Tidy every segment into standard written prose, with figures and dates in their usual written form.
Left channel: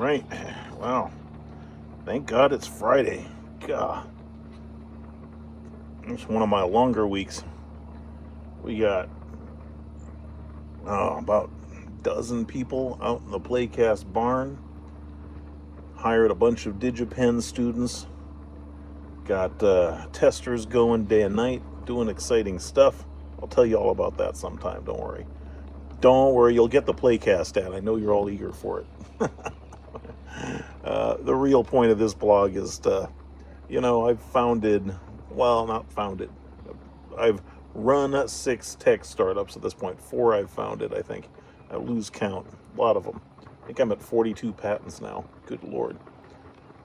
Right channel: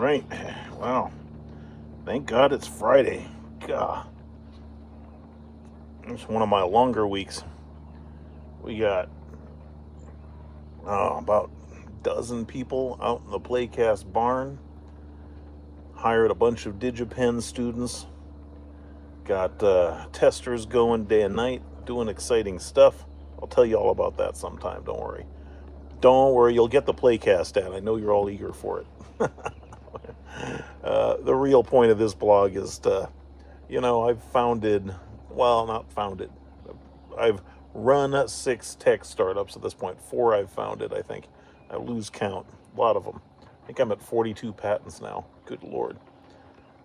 right. Wow. Thank God it's Friday. God. It's one of my longer weeks. We got about a dozen people out in the Playcast barn. Hired a bunch of DigiPen students. Got testers going day and night, doing exciting stuff. I'll tell you all about that sometime. Don't worry. Don't worry, you'll get the Playcast ad. I know you're all eager for it. The real point of this blog is I've founded, well, not founded, I've run 6 tech startups at this point. 4 I've founded, I think. I lose count. A lot of them. I think I'm at 42 patents now. Good Lord.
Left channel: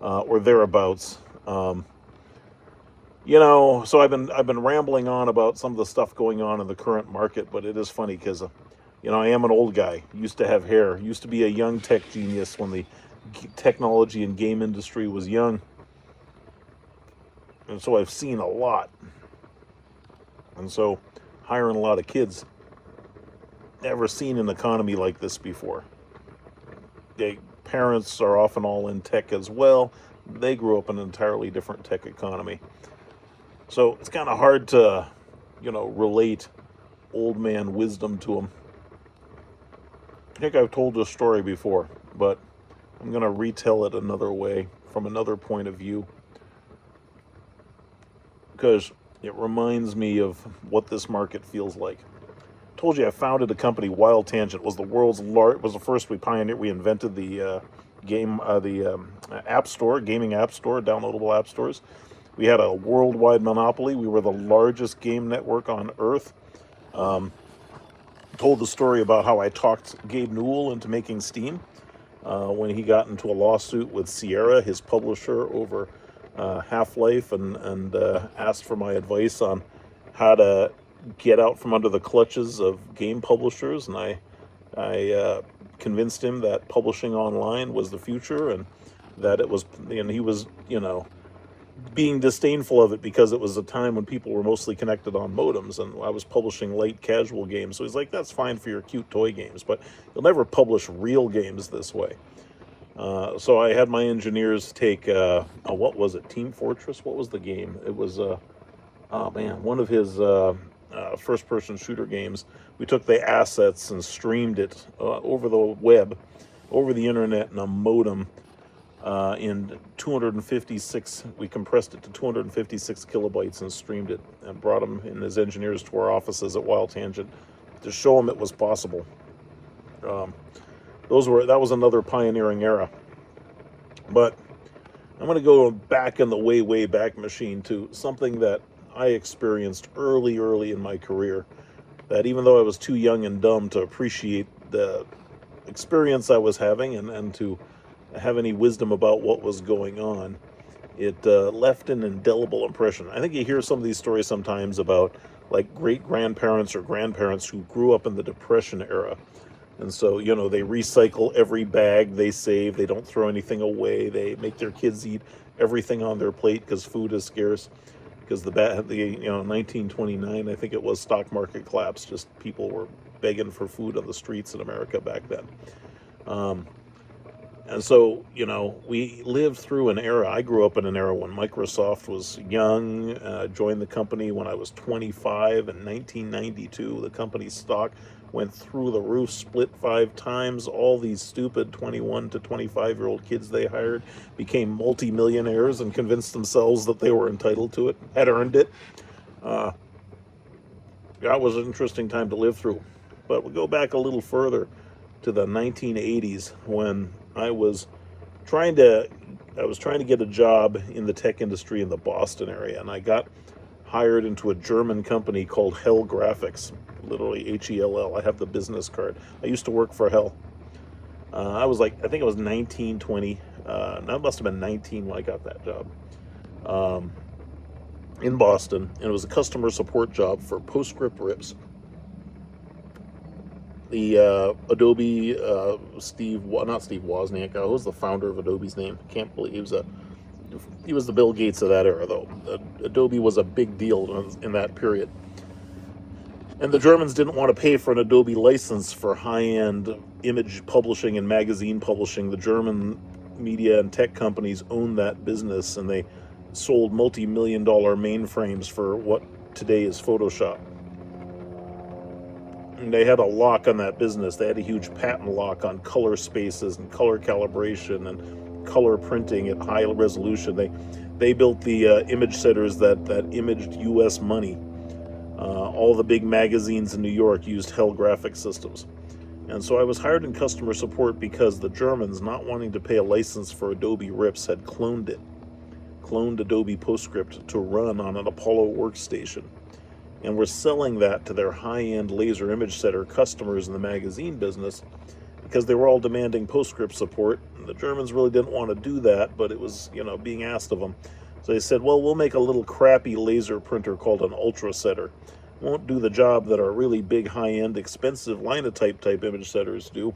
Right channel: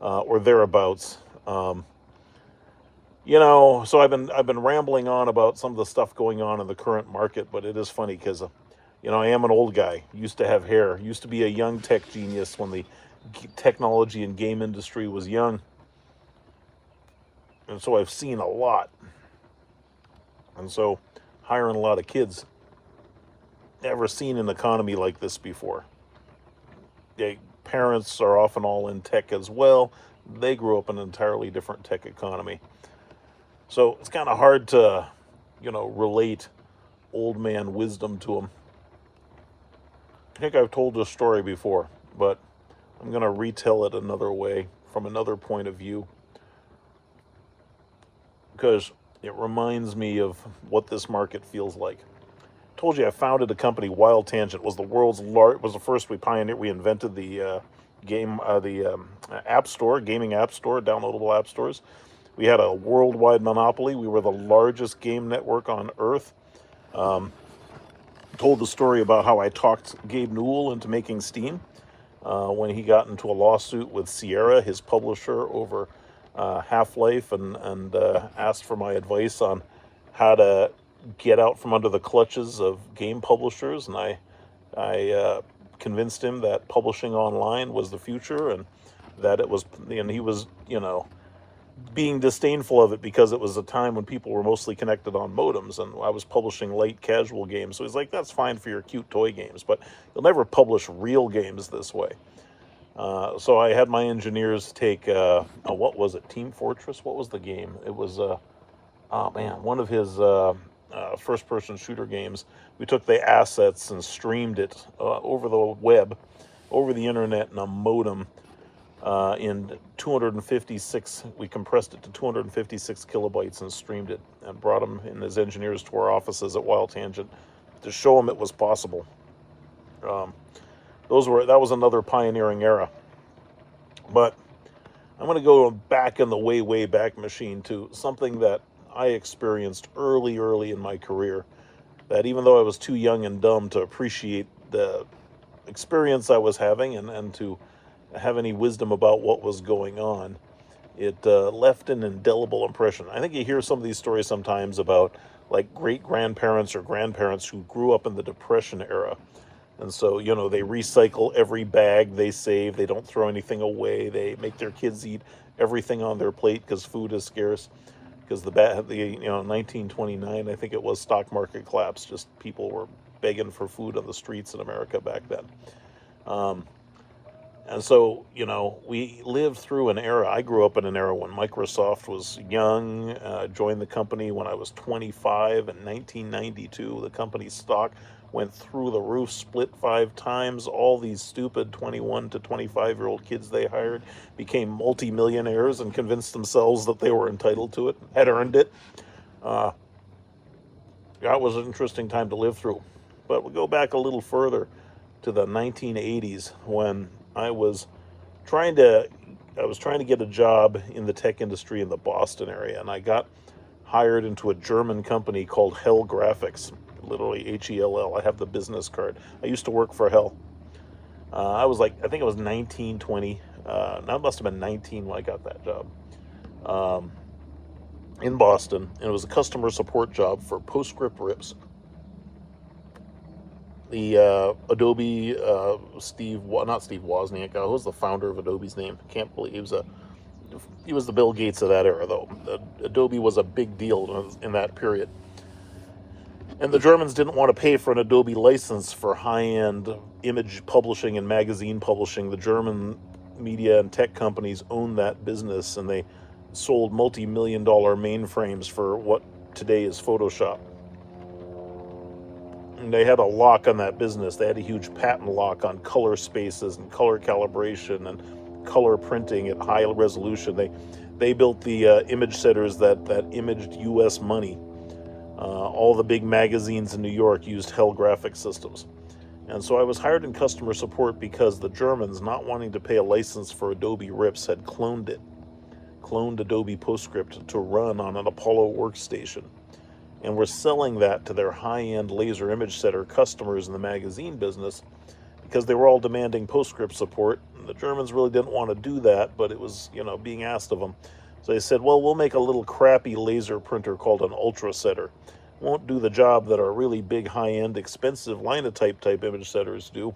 Or thereabouts. So I've been rambling on about some of the stuff going on in the current market, but it is funny because I am an old guy. Used to have hair. Used to be a young tech genius when the technology and game industry was young. And so I've seen a lot. And so hiring a lot of kids, never seen an economy like this before. Parents are often all in tech as well. They grew up in an entirely different tech economy. So it's kind of hard to, relate old man wisdom to them. I think I've told this story before, but I'm going to retell it another way, from another point of view, because it reminds me of what this market feels like. I told you I founded a company. Wild Tangent was the first we invented the app store, gaming app store, downloadable app stores. We had a worldwide monopoly. We were the largest game network on earth. Told the story about how I talked Gabe Newell into making Steam when he got into a lawsuit with Sierra, his publisher, over Half-Life, and asked for my advice on how to get out from under the clutches of game publishers. And I convinced him that publishing online was the future, and that it was, and he was, being disdainful of it because it was a time when people were mostly connected on modems, and I was publishing light casual games. So he's like, that's fine for your cute toy games, but you'll never publish real games this way. So I had my engineers take what was it, Team Fortress? What was the game? It was one of his first-person shooter games. We took the assets and streamed it over the web, over the internet, in a modem. In 256, we compressed it to 256 kilobytes and streamed it, and brought him and his engineers to our offices at Wild Tangent to show them it was possible. That was another pioneering era. But I'm going to go back in the way back machine to something that I experienced early in my career, that even though I was too young and dumb to appreciate the experience I was having and to have any wisdom about what was going on, it left an indelible impression. I think you hear some of these stories sometimes about like great-grandparents or grandparents who grew up in the Depression era. And so, they recycle every bag they save. They don't throw anything away. They make their kids eat everything on their plate because food is scarce. Because the 1929, I think it was, stock market collapse. Just people were begging for food on the streets in America back then. And so, we lived through an era. I grew up in an era when Microsoft was young. Joined the company when I was 25 in 1992. The company's stock went through the roof, split 5 times. All these stupid 21 to 25-year-old kids they hired became multimillionaires and convinced themselves that they were entitled to it, had earned it. That was an interesting time to live through. But we'll go back a little further to the 1980s when I was trying to get a job in the tech industry in the Boston area, and I got hired into a German company called Hell Graphics, literally Hell. I have the business card. I used to work for Hell. I think I was 19, 20. I must have been 19 when I got that job in Boston, and it was a customer support job for PostScript rips. The Adobe, not Steve Wozniak, who was the founder of Adobe's name? I can't believe he was the Bill Gates of that era, though. Adobe was a big deal in that period. And the Germans didn't want to pay for an Adobe license for high-end image publishing and magazine publishing. The German media and tech companies owned that business, and they sold multi-million-dollar mainframes for what today is Photoshop. And they had a lock on that business. They had a huge patent lock on color spaces and color calibration and color printing at high resolution. They built the image setters that imaged U.S. money. All the big magazines in New York used Hell graphic systems. And so I was hired in customer support because the Germans, not wanting to pay a license for Adobe RIPS, had cloned Adobe PostScript to run on an Apollo workstation. And were selling that to their high-end laser image setter customers in the magazine business because they were all demanding PostScript support. And the Germans really didn't want to do that, but it was, being asked of them. So they said, well, we'll make a little crappy laser printer called an ultra setter. Won't do the job that our really big, high-end, expensive linotype type image setters do,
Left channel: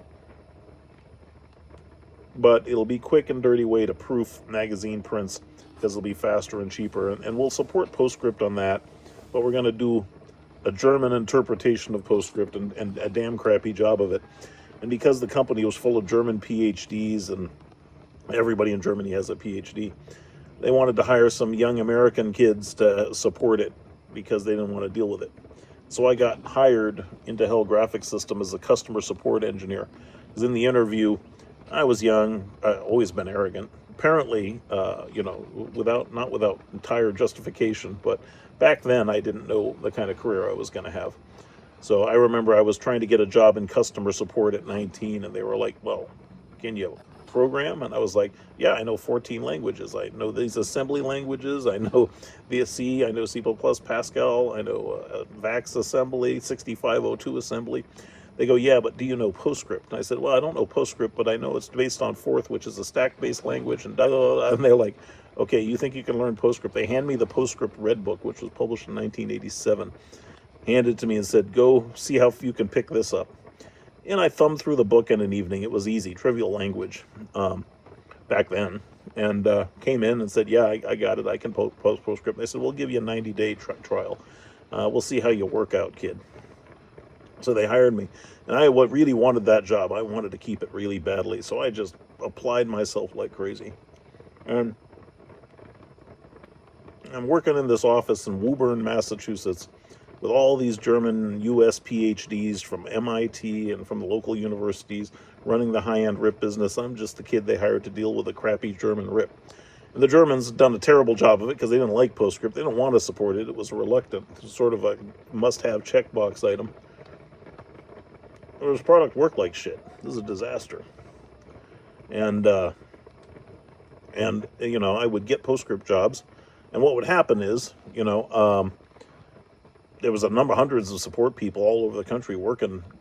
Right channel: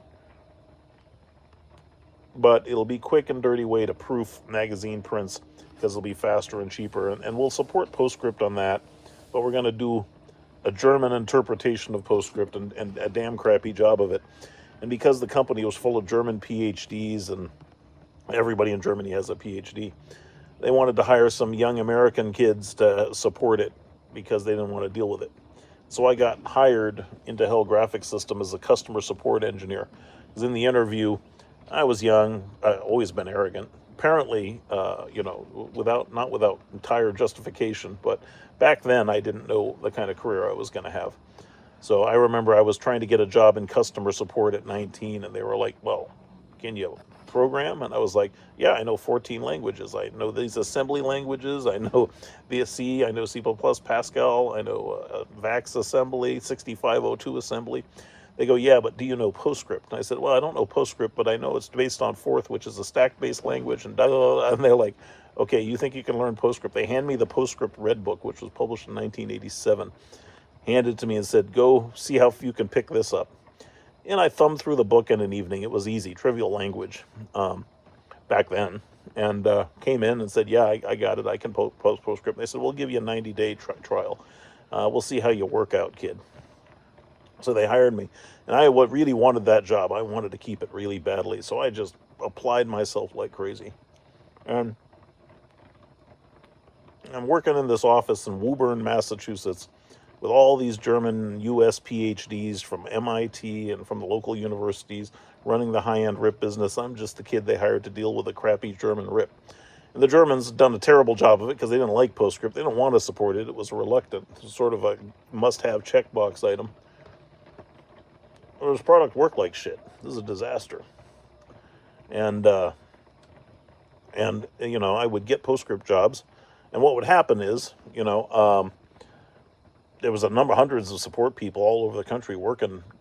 but it'll be quick and dirty way to proof magazine prints because it'll be faster and cheaper, and we'll support PostScript on that, but we're going to do a German interpretation of PostScript and a damn crappy job of it. And because the company was full of German PhDs and everybody in Germany has a PhD, they wanted to hire some young American kids to support it because they didn't want to deal with it. So I got hired into Hell Graphic System as a customer support engineer. Because in the interview, I was young, I've always been arrogant. Apparently, not without entire justification, but back then I didn't know the kind of career I was going to have. So I remember I was trying to get a job in customer support at 19, and they were like, well, can you program? And I was like, yeah, I know 14 languages. I know these assembly languages. I know VSC, I know C++, Pascal, I know VAX assembly, 6502 assembly. They go, yeah, but do you know PostScript? And I said, well, I don't know PostScript, but I know it's based on Forth, which is a stack-based language, and and they're like, okay, you think you can learn PostScript? They hand me the PostScript Red Book, which was published in 1987, handed it to me and said, go see how you can pick this up. And I thumbed through the book in an evening. It was easy, trivial language back then. And came in and said, yeah, I got it. I can post PostScript. They said, we'll give you a 90-day trial. We'll see how you work out, kid. So they hired me. And I really wanted that job. I wanted to keep it really badly. So I just applied myself like crazy. And I'm working in this office in Woburn, Massachusetts, with all these German US PhDs from MIT and from the local universities running the high-end RIP business. I'm just the kid they hired to deal with a crappy German RIP. And the Germans had done a terrible job of it because they didn't like PostScript. They didn't want to support it. It was reluctant. It was sort of a must-have checkbox item. Well, this product worked like shit. This is a disaster. And I would get PostScript jobs. And what would happen is, there was hundreds of support people all over the country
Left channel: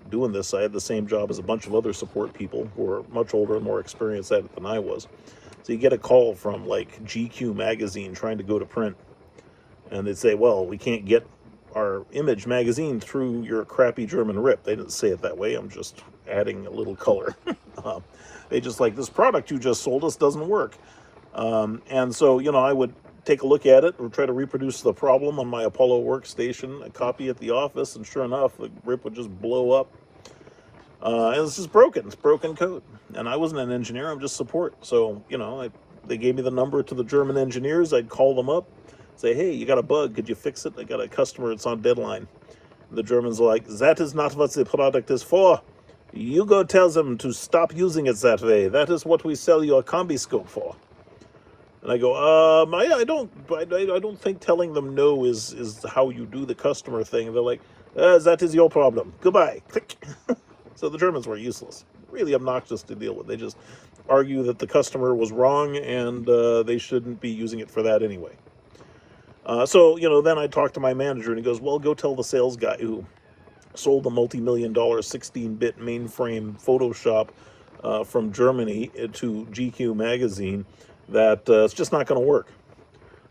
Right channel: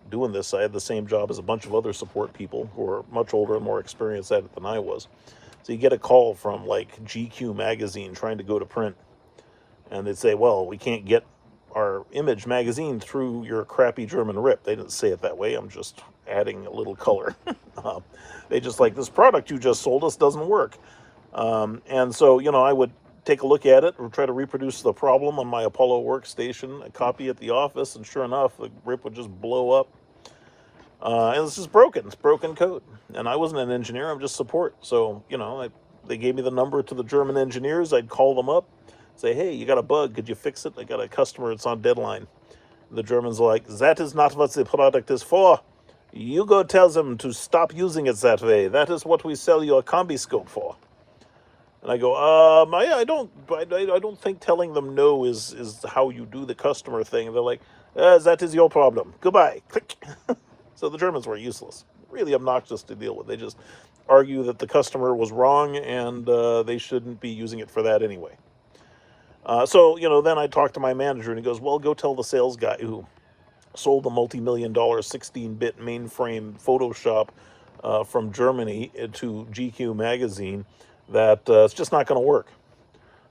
doing this. I had the same job as a bunch of other support people who were much older and more experienced at it than I was. So you get a call from like GQ magazine trying to go to print, and they'd say, well, we can't get our image magazine through your crappy German RIP. They didn't say it that way. I'm just adding a little color. They just like, this product you just sold us doesn't work. And so, I would take a look at it or try to reproduce the problem on my Apollo workstation, a copy at the office, and sure enough, the RIP would just blow up. And it's just broken. It's broken code. And I wasn't an engineer, I'm just support. So, they gave me the number to the German engineers. I'd call them up, say, hey, you got a bug, could you fix it? I got a customer, it's on deadline. The Germans are like, that is not what the product is for. You go tell them to stop using it that way. That is what we sell your combi scope for. And I go, I don't think telling them no is how you do the customer thing. They're like, that is your problem. Goodbye. Click. So the Germans were useless. Really obnoxious to deal with. They just argue that the customer was wrong and they shouldn't be using it for that anyway. Then I talked to my manager and he goes, well, go tell the sales guy who sold the multi-million-dollar 16-bit mainframe Photoshop from Germany to GQ magazine that it's just not going to work.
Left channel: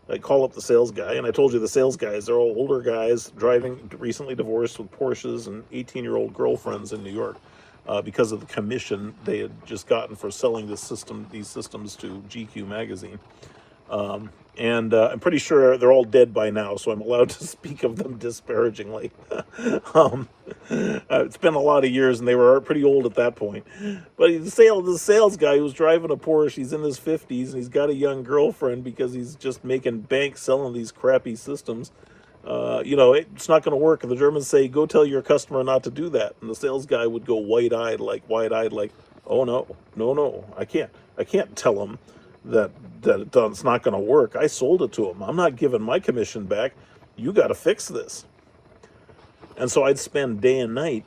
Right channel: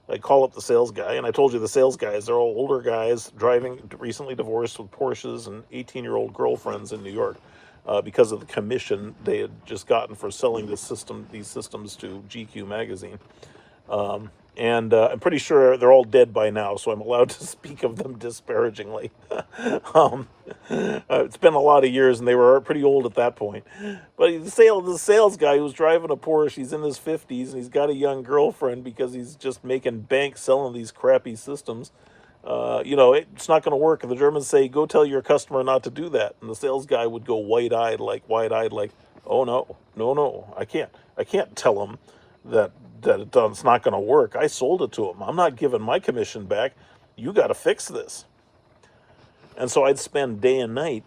I call up the sales guy, and I told you the sales guys, they're all older guys driving, recently divorced with Porsches and 18-year-old girlfriends in New York because of the commission they had just gotten for selling these systems to GQ magazine. And I'm pretty sure they're all dead by now, so I'm allowed to speak of them disparagingly. um, it's been a lot of years, and they were pretty old at that point. But the sales guy who's driving a Porsche, he's in his 50s, and he's got a young girlfriend because he's just making bank selling these crappy systems. It's not going to work. And the Germans say, "Go tell your customer not to do that." And the sales guy would go wide-eyed, like, "Oh no, no, no, I can't tell him that it's not going to work. I sold it to him. I'm not giving my commission back. You got to fix this." And so I'd spend day and night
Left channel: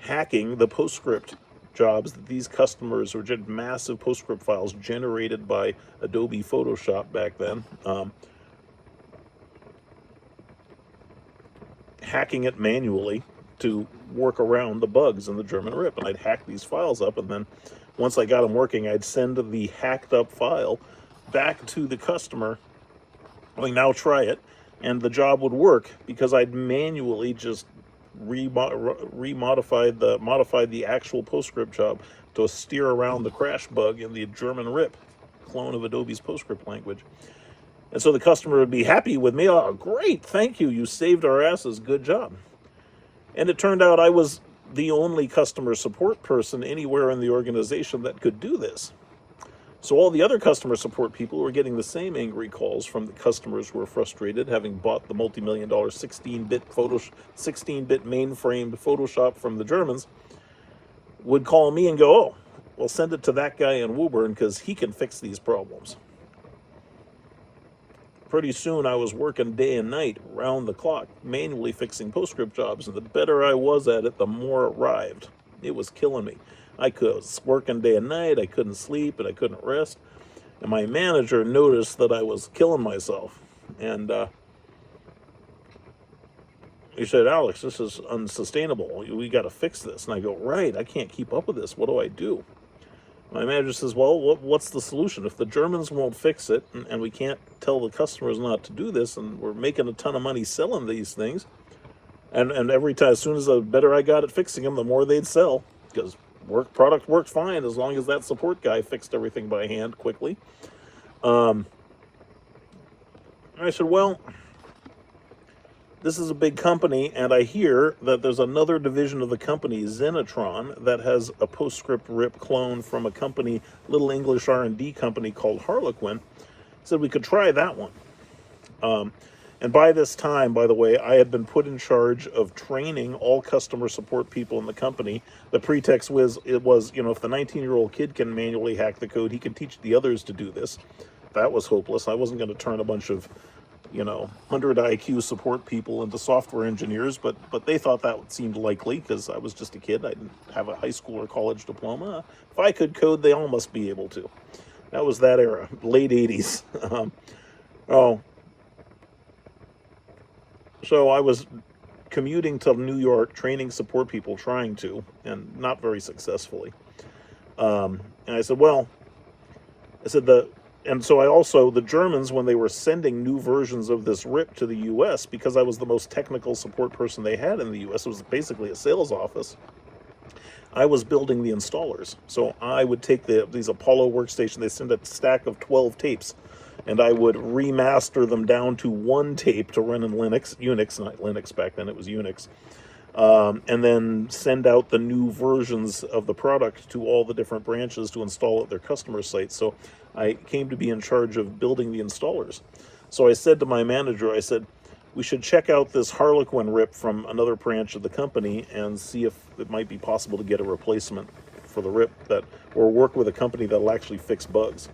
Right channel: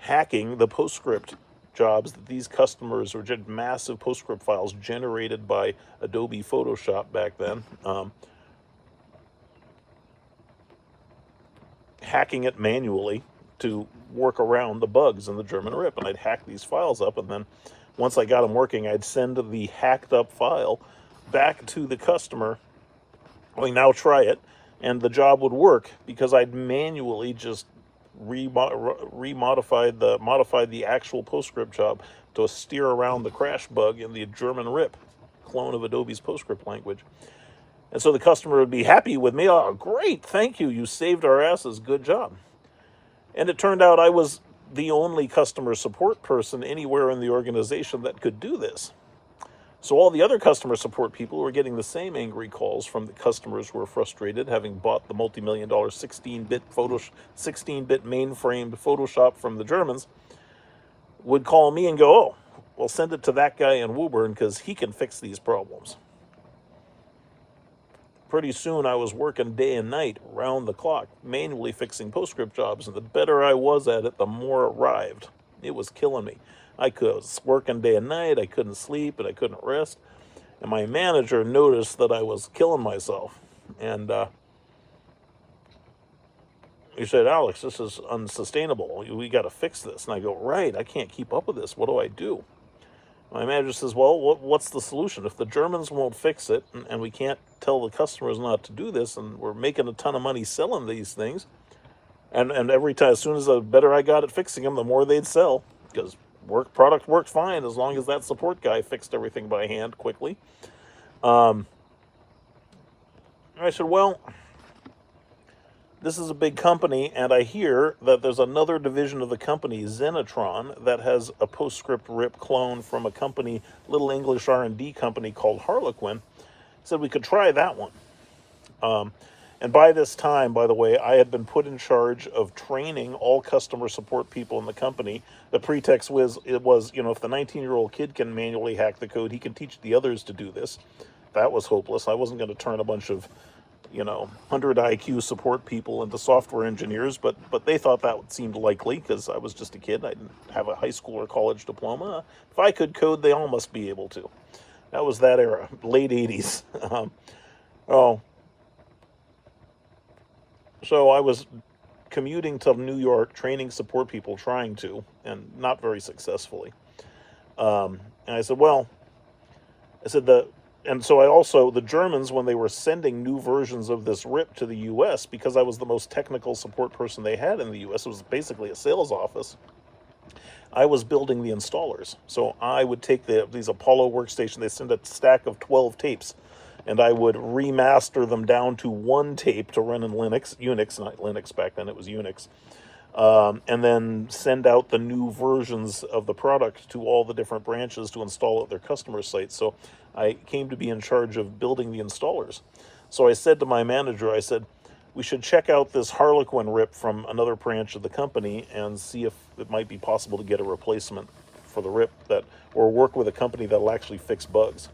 hacking the PostScript jobs that these customers, or massive PostScript files generated by Adobe Photoshop back then. Hacking it manually to work around the bugs in the German RIP. And I'd hack these files up, and then once I got them working, I'd send the hacked up file back to the customer, like, "Now try it," and the job would work because I'd manually just modified the actual PostScript job to steer around the crash bug in the German RIP, clone of Adobe's PostScript language. And so the customer would be happy with me. "Oh, great, thank you. You saved our asses. Good job." And it turned out I was the only customer support person anywhere in the organization that could do this. So all the other customer support people were getting the same angry calls from the customers who were frustrated, having bought the multi-million-dollar 16-bit mainframed Photoshop from the Germans, would call me and go, "Oh, well, send it to that guy in Woburn because he can fix these problems." Pretty soon I was working day and night, round the clock, manually fixing PostScript jobs, and the better I was at it, the more it arrived. It was killing me. I was working day and night, I couldn't sleep, and I couldn't rest. And my manager noticed that I was killing myself. And he said, "Alex, this is unsustainable. We got to fix this." And I go, "Right, I can't keep up with this. What do I do?" My manager says, "Well, what's the solution? If the Germans won't fix it, and we can't tell the customers not to do this, and we're making a ton of money selling these things, and every time, as soon as the better I got at fixing them, the more they'd sell, because product worked fine as long as that support guy fixed everything by hand quickly." I said, "Well, this is a big company, and I hear that there's another division of the company, Zenitron, that has a PostScript RIP clone from a company, little English R&D company called Harlequin." Said we could try that one. And by this time, by the way, I had been put in charge of training all customer support people in the company. The pretext was, if the 19-year-old kid can manually hack the code, he can teach the others to do this. That was hopeless. I wasn't going to turn a bunch of 100 IQ support people into software engineers, but they thought that seemed likely because I was just a kid. I didn't have a high school or college diploma. If I could code, they all must be able to. That was that era, late 80s. So I was commuting to New York, training support people, trying to, and not very successfully. And I said, and so the Germans, when they were sending new versions of this RIP to the US, because I was the most technical support person they had in the US, it was basically a sales office, I was building the installers. So I would take these Apollo workstations, they send a stack of 12 tapes, and I would remaster them down to one tape to run in Unix, not Linux back then, it was Unix. And then send out the new versions of the product to all the different branches to install at their customer sites. So I came to be in charge of building the installers. So I said to my manager, I said, "We should check out this Harlequin RIP from another branch of the company and see if it might be possible to get a replacement for the RIP or work with a company that'll actually fix bugs."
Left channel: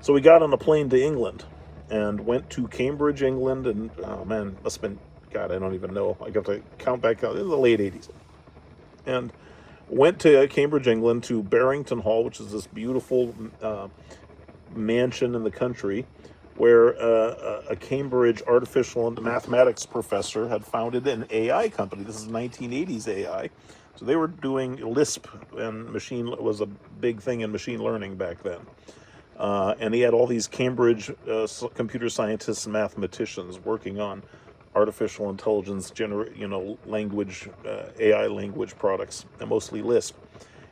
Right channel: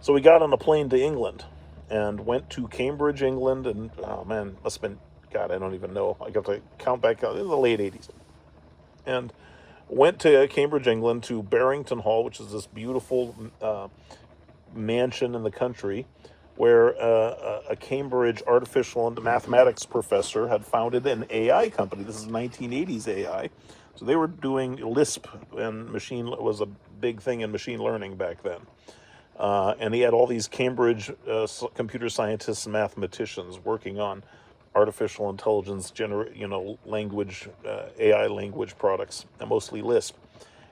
So we got on a plane to England and went to Cambridge, England, and oh man, must have been, God, I don't even know. I got to count back out in the late 80s. And went to Cambridge, England, to Barrington Hall, which is this beautiful mansion in the country where a Cambridge artificial and mathematics professor had founded an AI company. This is 1980s AI. So they were doing Lisp, and machine was a big thing in machine learning back then. And he had all these Cambridge computer scientists and mathematicians working on artificial intelligence, language, AI language products, and mostly Lisp.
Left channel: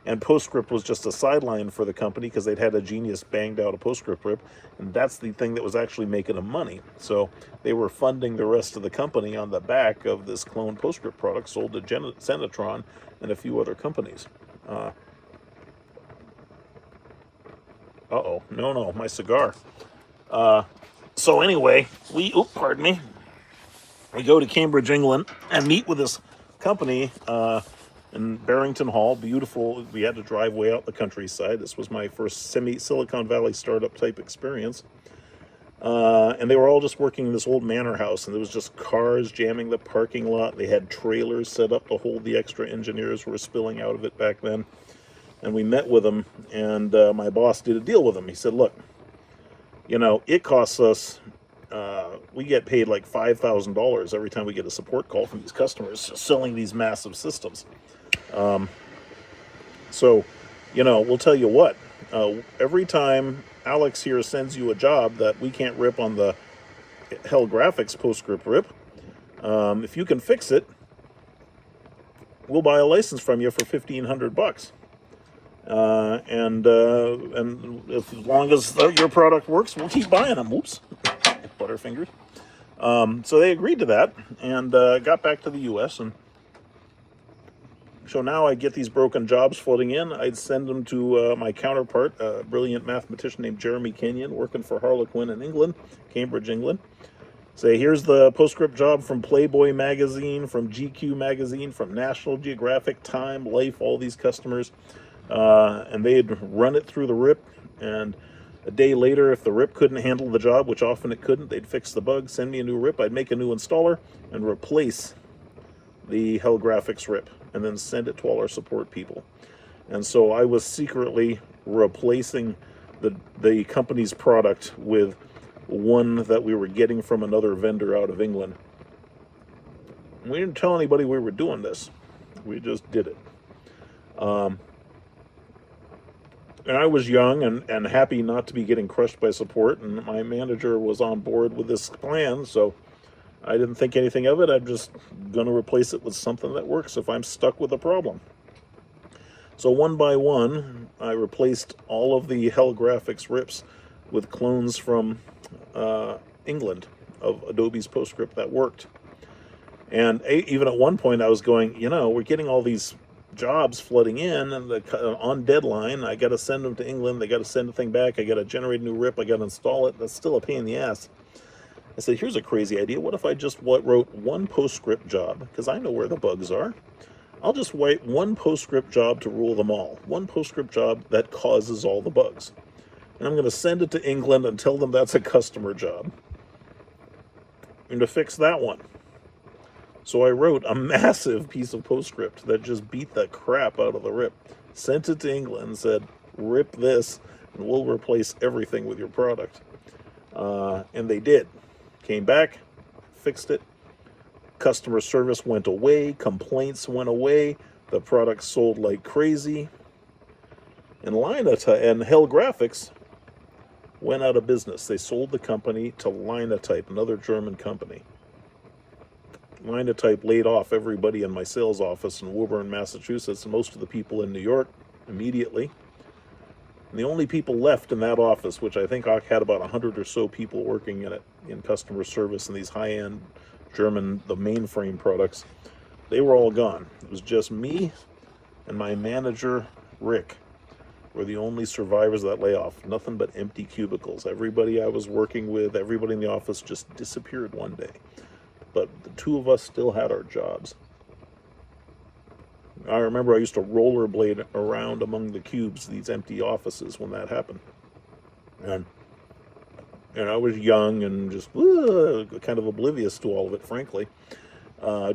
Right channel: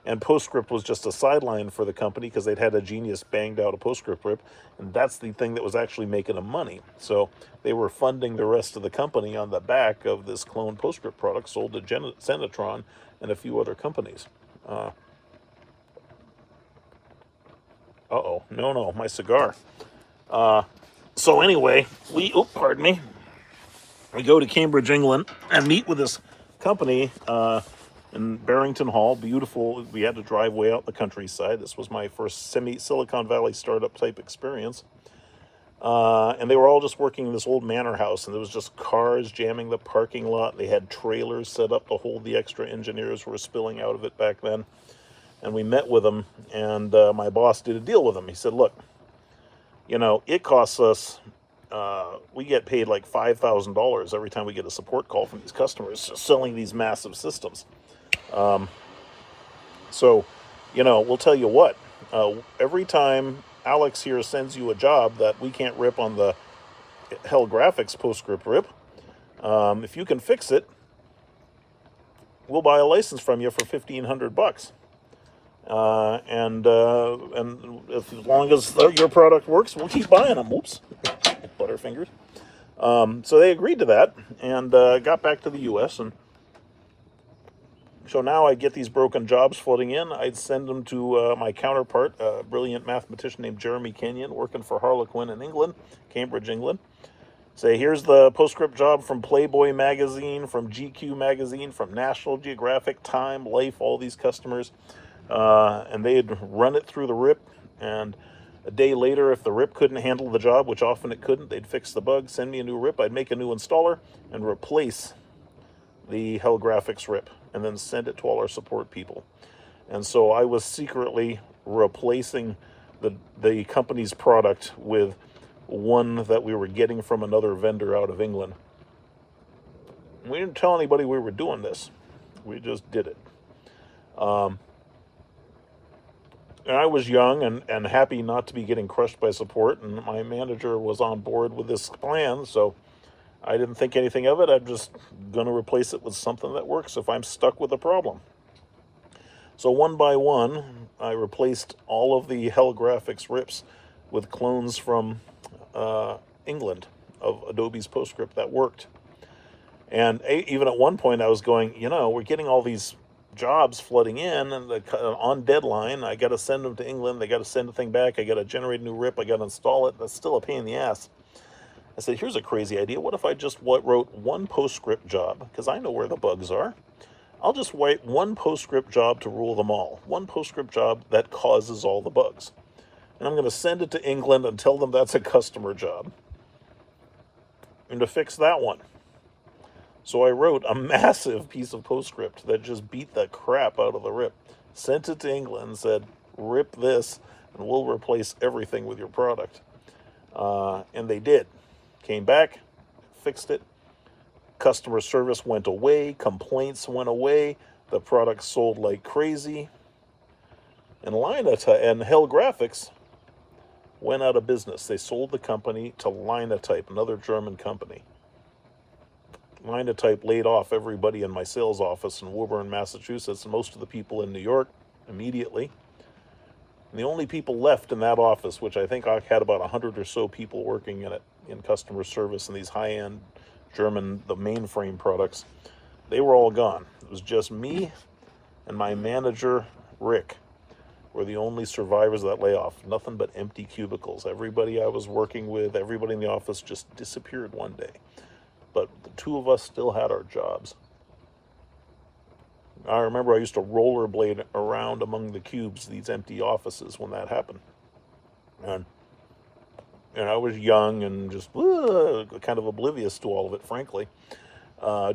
And PostScript was just a sideline for the company because they'd had a genius banged out a PostScript rip, and that's the thing that was actually making them money. So they were funding the rest of the company on the back of this clone PostScript product sold to Senatron and a few other companies. No, my cigar. So anyway, pardon me, we go to Cambridge, England, and meet with this company in Barrington Hall. Beautiful. We had to drive way out the countryside. This was my first Silicon Valley startup type experience. And they were all just working in this old manor house, and there was just cars jamming the parking lot. They had trailers set up to hold the extra engineers who were spilling out of it back then. And we met with them, and my boss did a deal with them. He said, look, it costs us, we get paid like $5,000 every time we get a support call from these customers selling these massive systems. So, we'll tell you what, every time Alex here sends you a job that we can't rip on the Hell Graphics PostScript rip, if you can fix it, we'll buy a license from you for $1,500. And as long as your product works, we'll keep buying them. Oops, Butterfingers. So they agreed to that and got back to the U.S. And so now I get these broken jobs flooding in. I'd send them to my counterpart, a brilliant mathematician named Jeremy Kenyon, working for Harlequin in England, Cambridge, England. Say, here's the PostScript job from Playboy magazine, from GQ magazine, from National Geographic, Time, Life, all these customers. And they'd run it through the RIP, and a day later, if the RIP couldn't handle the job, which often it couldn't, they'd fix the bug, send me a new RIP, I'd make a new installer, and replace the Hell Graphics RIP, and then send it to all our support people. And so I was secretly replacing the company's product with one that we were getting from another vendor out of England. We didn't tell anybody we were doing this. We just did it. And I was young and happy not to be getting crushed by support, and my manager was on board with this plan, so I didn't think anything of it. I'm just going to replace it with something that works if I'm stuck with a problem. So one by one, I replaced all of the Hell Graphics rips with clones from England of Adobe's PostScript that worked. And even at one point I was going, we're getting all these jobs flooding in and on deadline. I got to send them to England. They got to send the thing back. I got to generate a new RIP. I got to install it. That's still a pain in the ass. I said, here's a crazy idea. What if I just wrote one PostScript job? Because I know where the bugs are. I'll just write one PostScript job to rule them all. One PostScript job that causes all the bugs. And I'm going to send it to England and tell them that's a customer job. And to fix that one. So I wrote a massive piece of PostScript that just beat the crap out of the RIP. Sent it to England and said, rip this and we'll replace everything with your product. And they did. Came back, fixed it. Customer service went away. Complaints went away. The product sold like crazy. And and Hell Graphics went out of business. They sold the company to Linotype, another German company. Linotype laid off everybody in my sales office in Woburn, Massachusetts, and most of the people in New York immediately. And the only people left in that office, which I think I had about 100 or so people working in it, in customer service and these high-end German, the mainframe products, they were all gone. It was just me and my manager, Rick, were the only survivors of that layoff. Nothing but empty cubicles. Everybody I was working with, everybody in the office just disappeared one day. But the two of us still had our jobs. I remember I used to rollerblade around among the cubes, these empty offices, when that happened. And I was young and just kind of oblivious to all of it, frankly.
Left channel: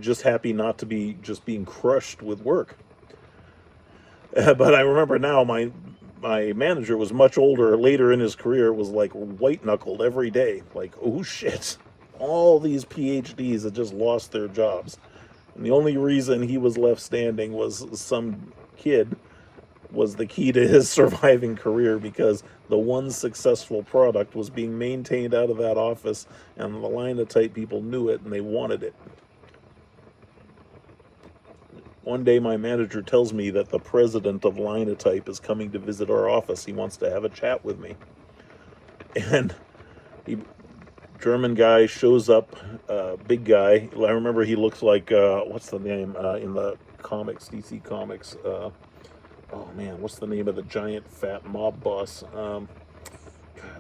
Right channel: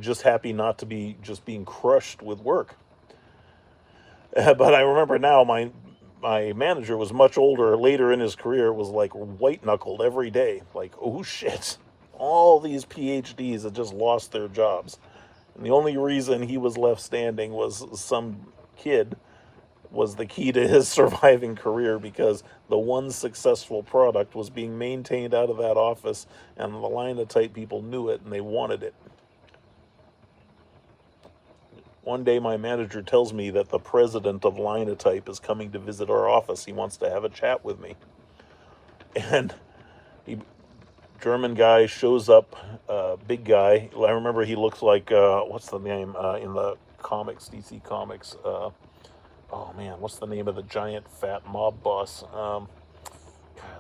Just happy not to be just being crushed with work. But I remember now my manager was much older, later in his career, was like white-knuckled every day. Like, oh shit, all these PhDs had just lost their jobs. And the only reason he was left standing was some kid was the key to his surviving career, because the one successful product was being maintained out of that office, and the Linotype people knew it and they wanted it. One day my manager tells me that the president of Linotype is coming to visit our office. He wants to have a chat with me. And he, German guy shows up, big guy. I remember he looks like, what's the name in the comics, DC Comics? Oh man, what's the name of the giant fat mob boss?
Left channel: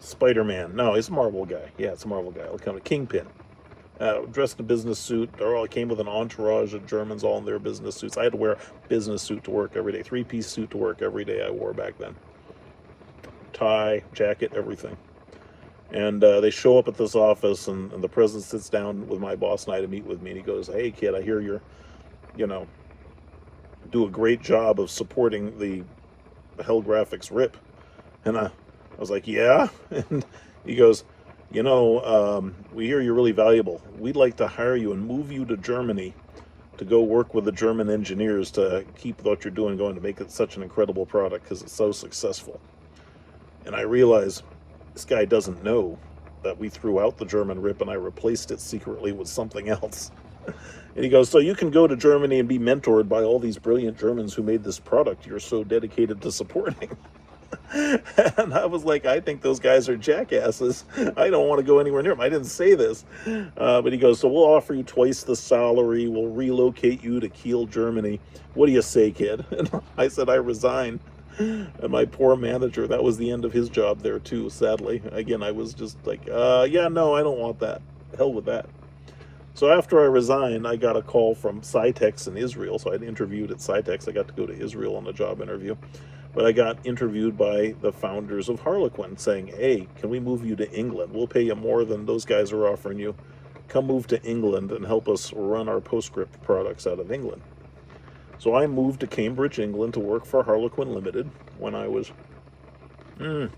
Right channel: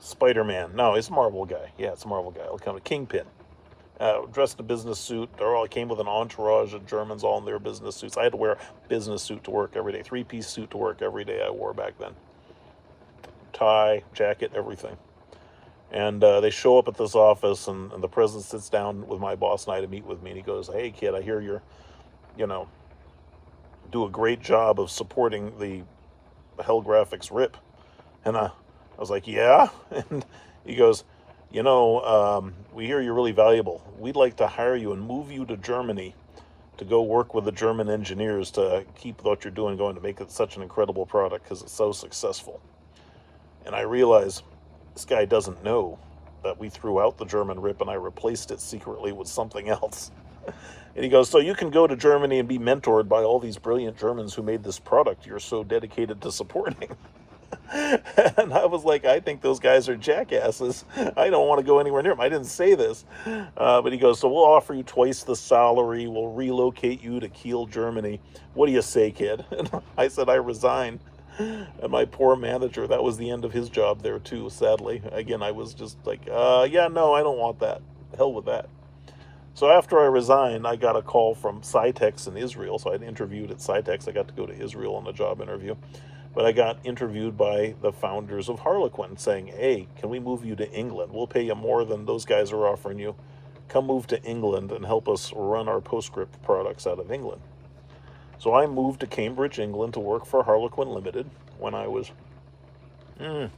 Spider-Man. No, it's a Marvel guy. Yeah, it's a Marvel guy. I'll come Kingpin. Dressed in a business suit. Came with an entourage of Germans all in their business suits. I had to wear a business suit to work every day. 3-piece suit to work every day I wore back then. Tie, jacket, everything. And they show up at this office, and the president sits down with my boss and I to meet with me. And he goes, "Hey, kid, I hear you're, do a great job of supporting the Hell Graphics RIP." And I was like, "Yeah?" And he goes, "We hear you're really valuable. We'd like to hire you and move you to Germany to go work with the German engineers to keep what you're doing going, to make it such an incredible product because it's so successful." And I realized this guy doesn't know that we threw out the German RIP and I replaced it secretly with something else. And he goes, "So you can go to Germany and be mentored by all these brilliant Germans who made this product you're so dedicated to supporting." And I was like, "I think those guys are jackasses. I don't want to go anywhere near them." I didn't say this. But he goes, "So we'll offer you twice the salary. We'll relocate you to Kiel, Germany. What do you say, kid?" And I said, "I resign." And my poor manager, that was the end of his job there too, sadly. Again, I was just like, yeah, no, I don't want that. Hell with that. So after I resigned, I got a call from Cytex in Israel. So I'd interviewed at Cytex. I got to go to Israel on a job interview. But I got interviewed by the founders of Harlequin saying, "Hey, can we move you to England? We'll pay you more than those guys are offering you. Come move to England and help us run our PostScript products out of England." So I moved to Cambridge, England to work for Harlequin Limited when I was around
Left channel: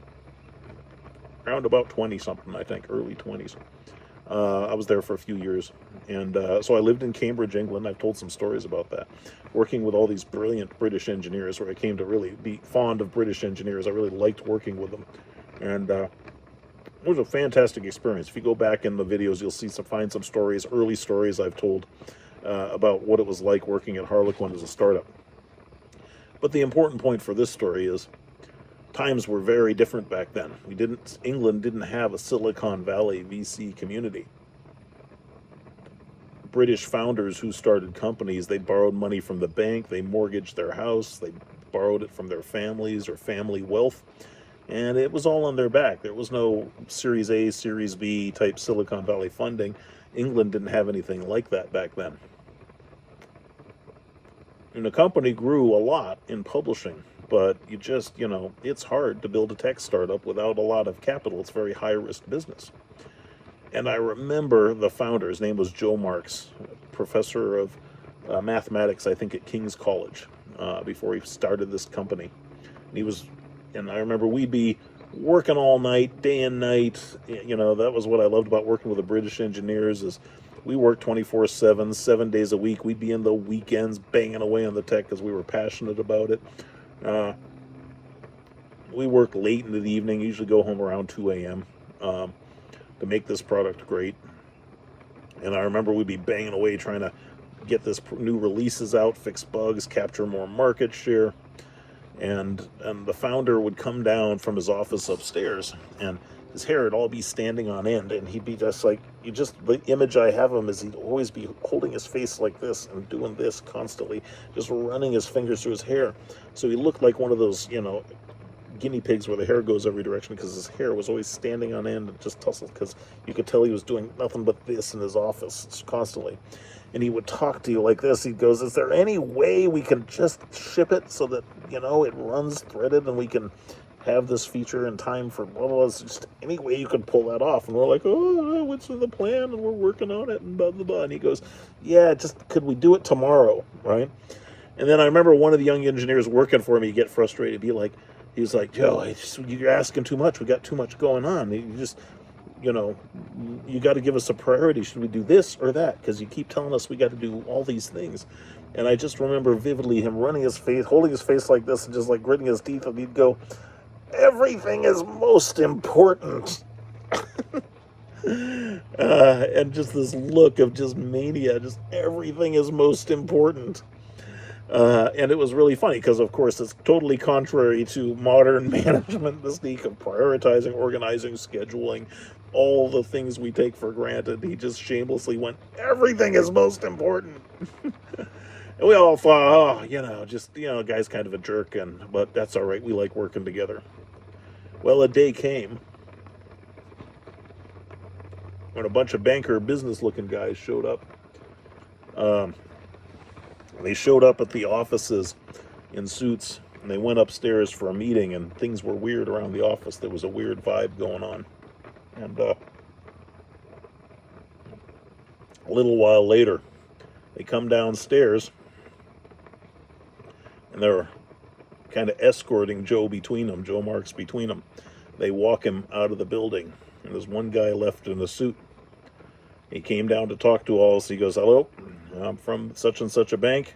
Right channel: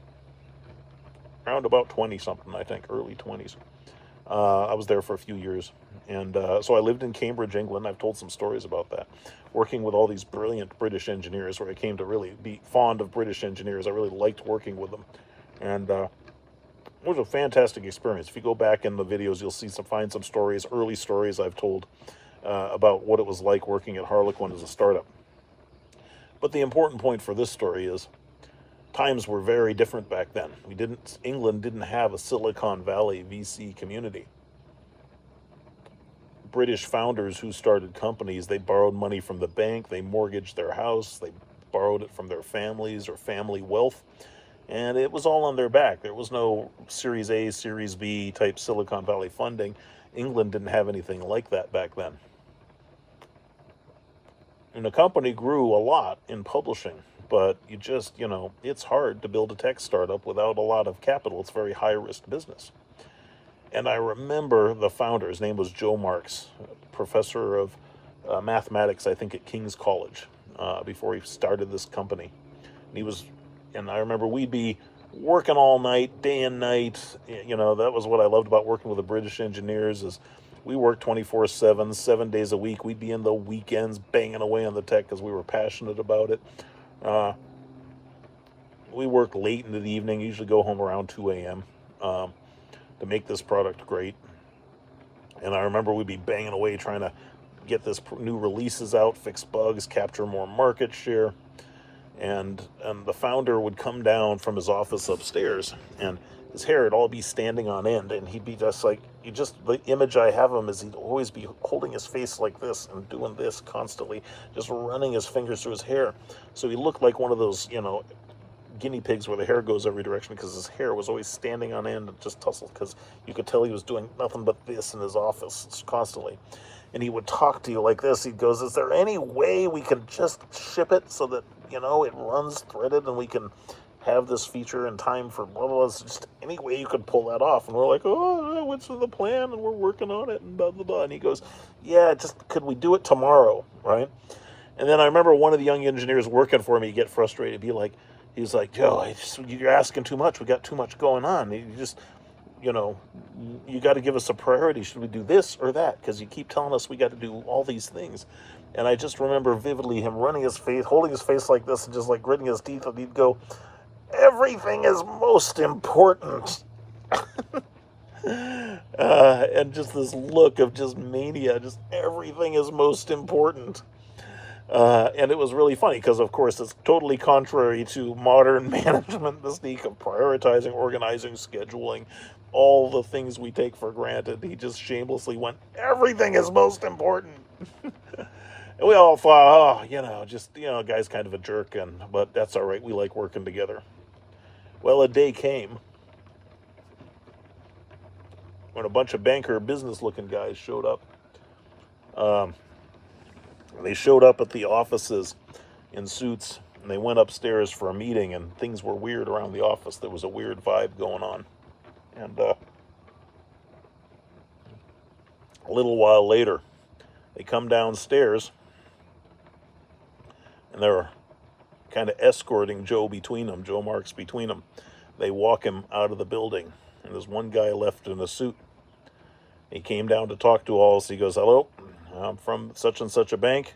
about 20-something, I think, early 20s. I was there for a few years. And so I lived in Cambridge, England. I've told some stories about that. Working with all these brilliant British engineers, where I came to really be fond of British engineers. I really liked working with them. And it was a fantastic experience. If you go back in the videos, you'll find some stories, early stories I've told about what it was like working at Harlequin as a startup. But the important point for this story is times were very different back then. England didn't have a Silicon Valley VC community. British founders who started companies, they borrowed money from the bank, they mortgaged their house, they borrowed it from their families or family wealth, and it was all on their back. There was no Series A, Series B type Silicon Valley funding. England didn't have anything like that back then. And the company grew a lot in publishing, but it's hard to build a tech startup without a lot of capital. It's a very high-risk business. And I remember the founder, his name was Joe Marks, professor of mathematics, I think, at King's College, before he started this company. And I remember we'd be working all night, day and night. That was what I loved about working with the British engineers, is we worked 24/7, 7 days a week. We'd be in the weekends banging away on the tech because we were passionate about it. We worked late into the evening, usually go home around 2 a.m. To make this product great. And I remember we'd be banging away trying to get this new releases out, fix bugs, capture more market share. And the founder would come down from his office upstairs, and his hair would all be standing on end, and he'd be just like, the image I have him is he'd always be holding his face like this and doing this constantly, just running his fingers through his hair. So he looked like one of those, guinea pigs where the hair goes every direction, because his hair was always standing on end and just tousled, because you could tell he was doing nothing but this in his office constantly. And he would talk to you like this. He goes, "Is there any way we can just ship it so that, it runs threaded and we can have this feature in time for blah, blah, blah? It's just any way you can pull that off." And we're like, "Oh, what's the plan?" And we're working on it and blah, blah, blah. And he goes, "Yeah, could we do it tomorrow?" Right? And then I remember one of the young engineers working for me get frustrated. He's like, "Joe, you're asking too much. We got too much going on. You got to give us a priority. Should we do this or that? Because you keep telling us we got to do all these things." And I just remember vividly him running his face, holding his face like this, and just like gritting his teeth, and he'd go, "Everything is most important." And just this look of just mania, just everything is most important. And it was really funny because, of course, it's totally contrary to modern management mystique of prioritizing, organizing, scheduling, all the things we take for granted. He just shamelessly went, everything is most important. And we all thought, oh, guy's kind of a jerk, but that's all right. We like working together. Well, a day came when a bunch of banker business-looking guys showed up. Um, they showed up at the offices in suits, and they went upstairs for a meeting, and things were weird around the office. There was a weird vibe going on. And a little while later, they come downstairs, and they're kind of escorting Joe Marks between them. They walk him out of the building, and there's one guy left in a suit. He came down to talk to all, so he goes, hello, I'm from such and such a bank.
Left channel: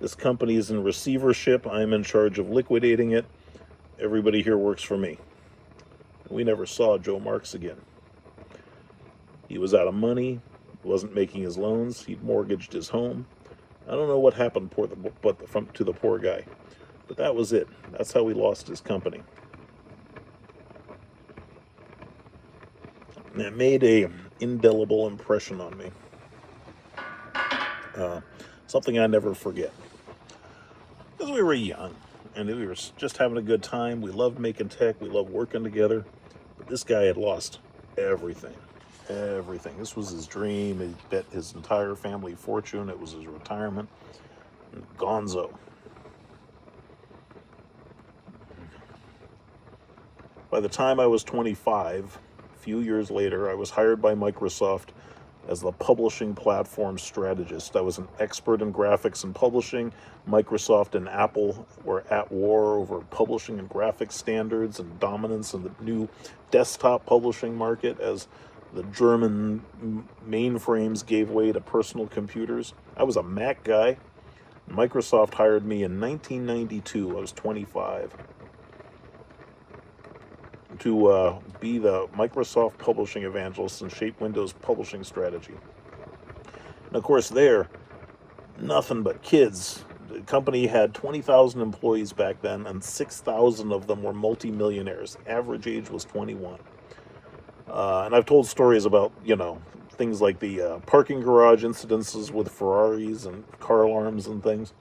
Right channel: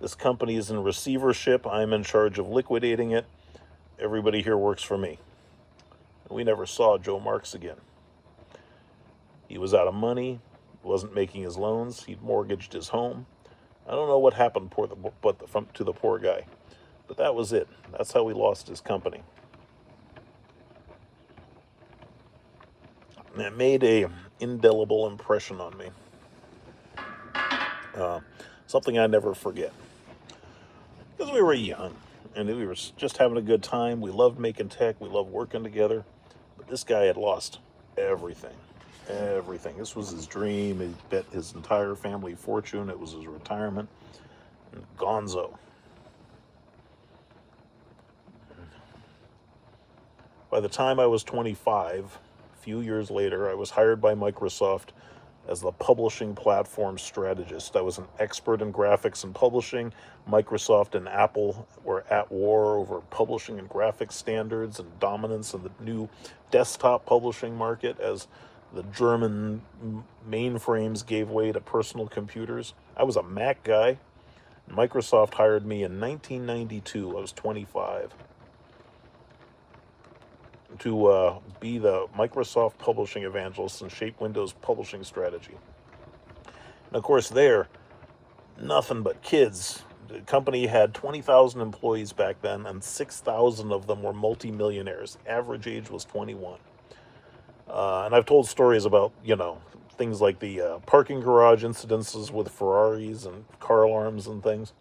This company is in receivership. I'm in charge of liquidating it. Everybody here works for me. We never saw Joe Marks again. He was out of money, wasn't making his loans, he'd mortgaged his home. I don't know what happened to the poor guy, but that was it. That's how he lost his company. And it made a indelible impression on me. Something I never forget. Because we were young, and we were just having a good time. We loved making tech. We loved working together. But this guy had lost everything. Everything. This was his dream. He bet his entire family fortune. It was his retirement. Gonzo. By the time I was 25, a few years later, I was hired by Microsoft as the publishing platform strategist. I was an expert in graphics and publishing. Microsoft and Apple were at war over publishing and graphics standards and dominance in the new desktop publishing market as the German mainframes gave way to personal computers. I was a Mac guy. Microsoft hired me in 1992. I was 25. To be the Microsoft publishing evangelist and shape Windows publishing strategy. And of course, nothing but kids. The company had 20,000 employees back then, and 6,000 of them were multimillionaires. Average age was 21. And I've told stories about, things like the parking garage incidences with Ferraris and car alarms and things.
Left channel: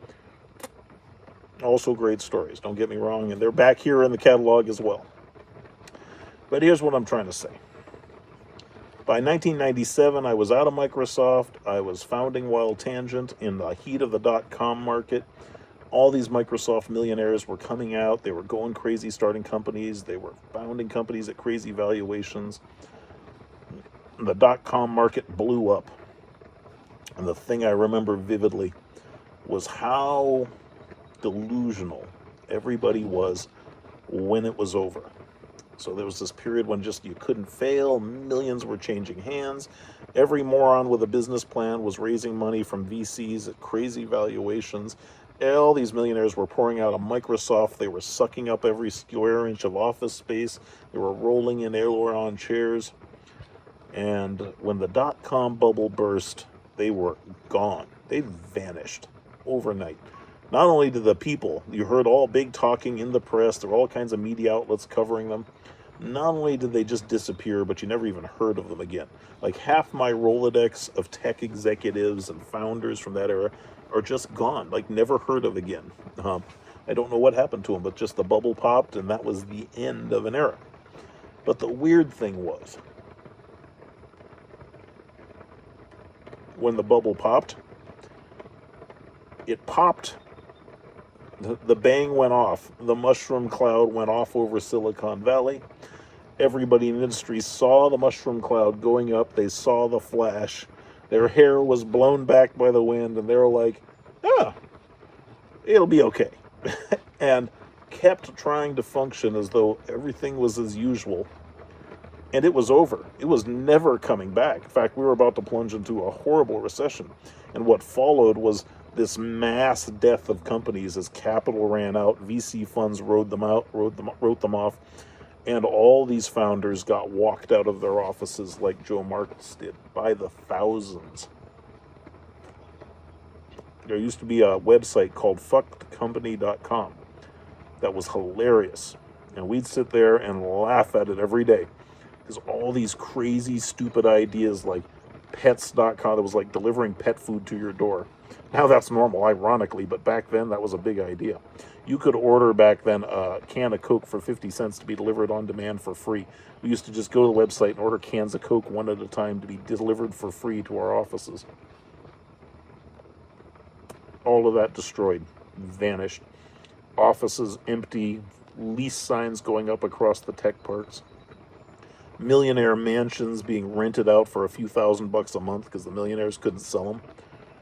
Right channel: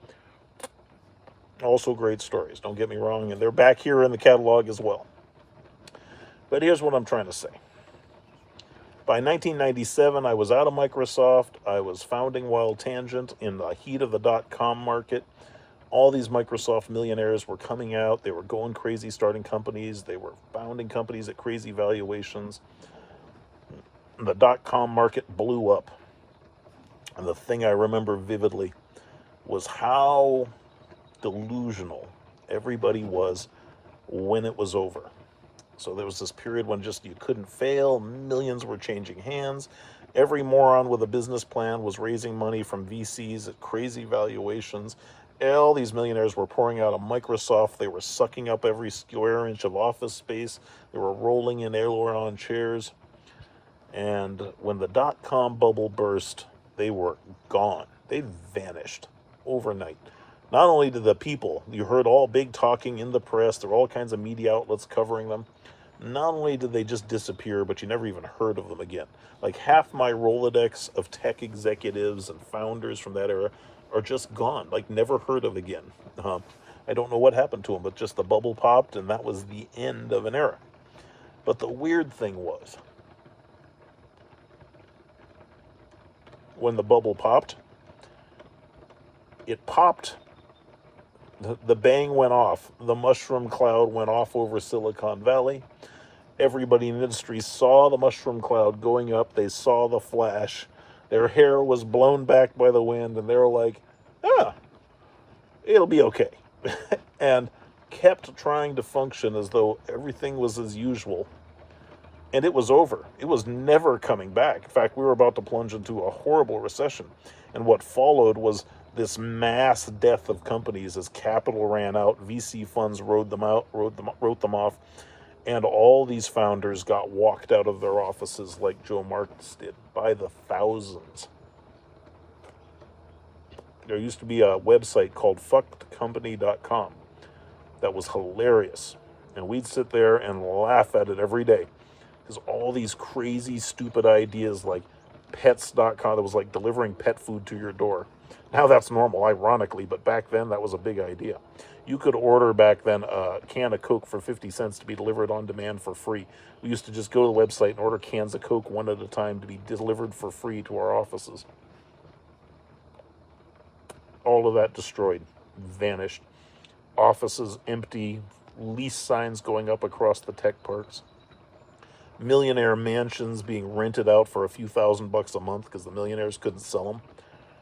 Also great stories, don't get me wrong, and they're back here in the catalog as well. But here's what I'm trying to say. By 1997, I was out of Microsoft. I was founding Wild Tangent in the heat of the dot-com market. All these Microsoft millionaires were coming out. They were going crazy, starting companies. They were founding companies at crazy valuations. And the dot-com market blew up. And the thing I remember vividly was how delusional everybody was when it was over. So there was this period when just you couldn't fail. Millions were changing hands. Every moron with a business plan was raising money from VCs at crazy valuations. All these millionaires were pouring out of Microsoft. They were sucking up every square inch of office space. They were rolling in aileron chairs. And when the dot-com bubble burst, they were gone. They vanished overnight. Not only did the people, you heard all big talking in the press, there were all kinds of media outlets covering them. Not only did they just disappear, but you never even heard of them again. Like half my Rolodex of tech executives and founders from that era are just gone, like never heard of again. I don't know what happened to them, but just the bubble popped and that was the end of an era. But the weird thing was, when the bubble popped, it popped. The bang went off. The mushroom cloud went off over Silicon Valley. Everybody in the industry saw the mushroom cloud going up. They saw the flash. Their hair was blown back by the wind, and they were like, it'll be okay. And kept trying to function as though everything was as usual. And it was over. It was never coming back. In fact, we were about to plunge into a horrible recession. And what followed was this mass death of companies as capital ran out. VC funds wrote them off. And all these founders got walked out of their offices like Joe Marks did by the thousands. There used to be a website called fuckedcompany.com that was hilarious. And we'd sit there and laugh at it every day. Because all these crazy, stupid ideas like pets.com, that was like delivering pet food to your door. Now that's normal, ironically, but back then that was a big idea. You could order back then a can of Coke for 50 cents to be delivered on demand for free. We used to just go to the website and order cans of Coke one at a time to be delivered for free to our offices. All of that destroyed, vanished. Offices empty, lease signs going up across the tech parks. Millionaire mansions being rented out for a few $1,000s a month because the millionaires couldn't sell them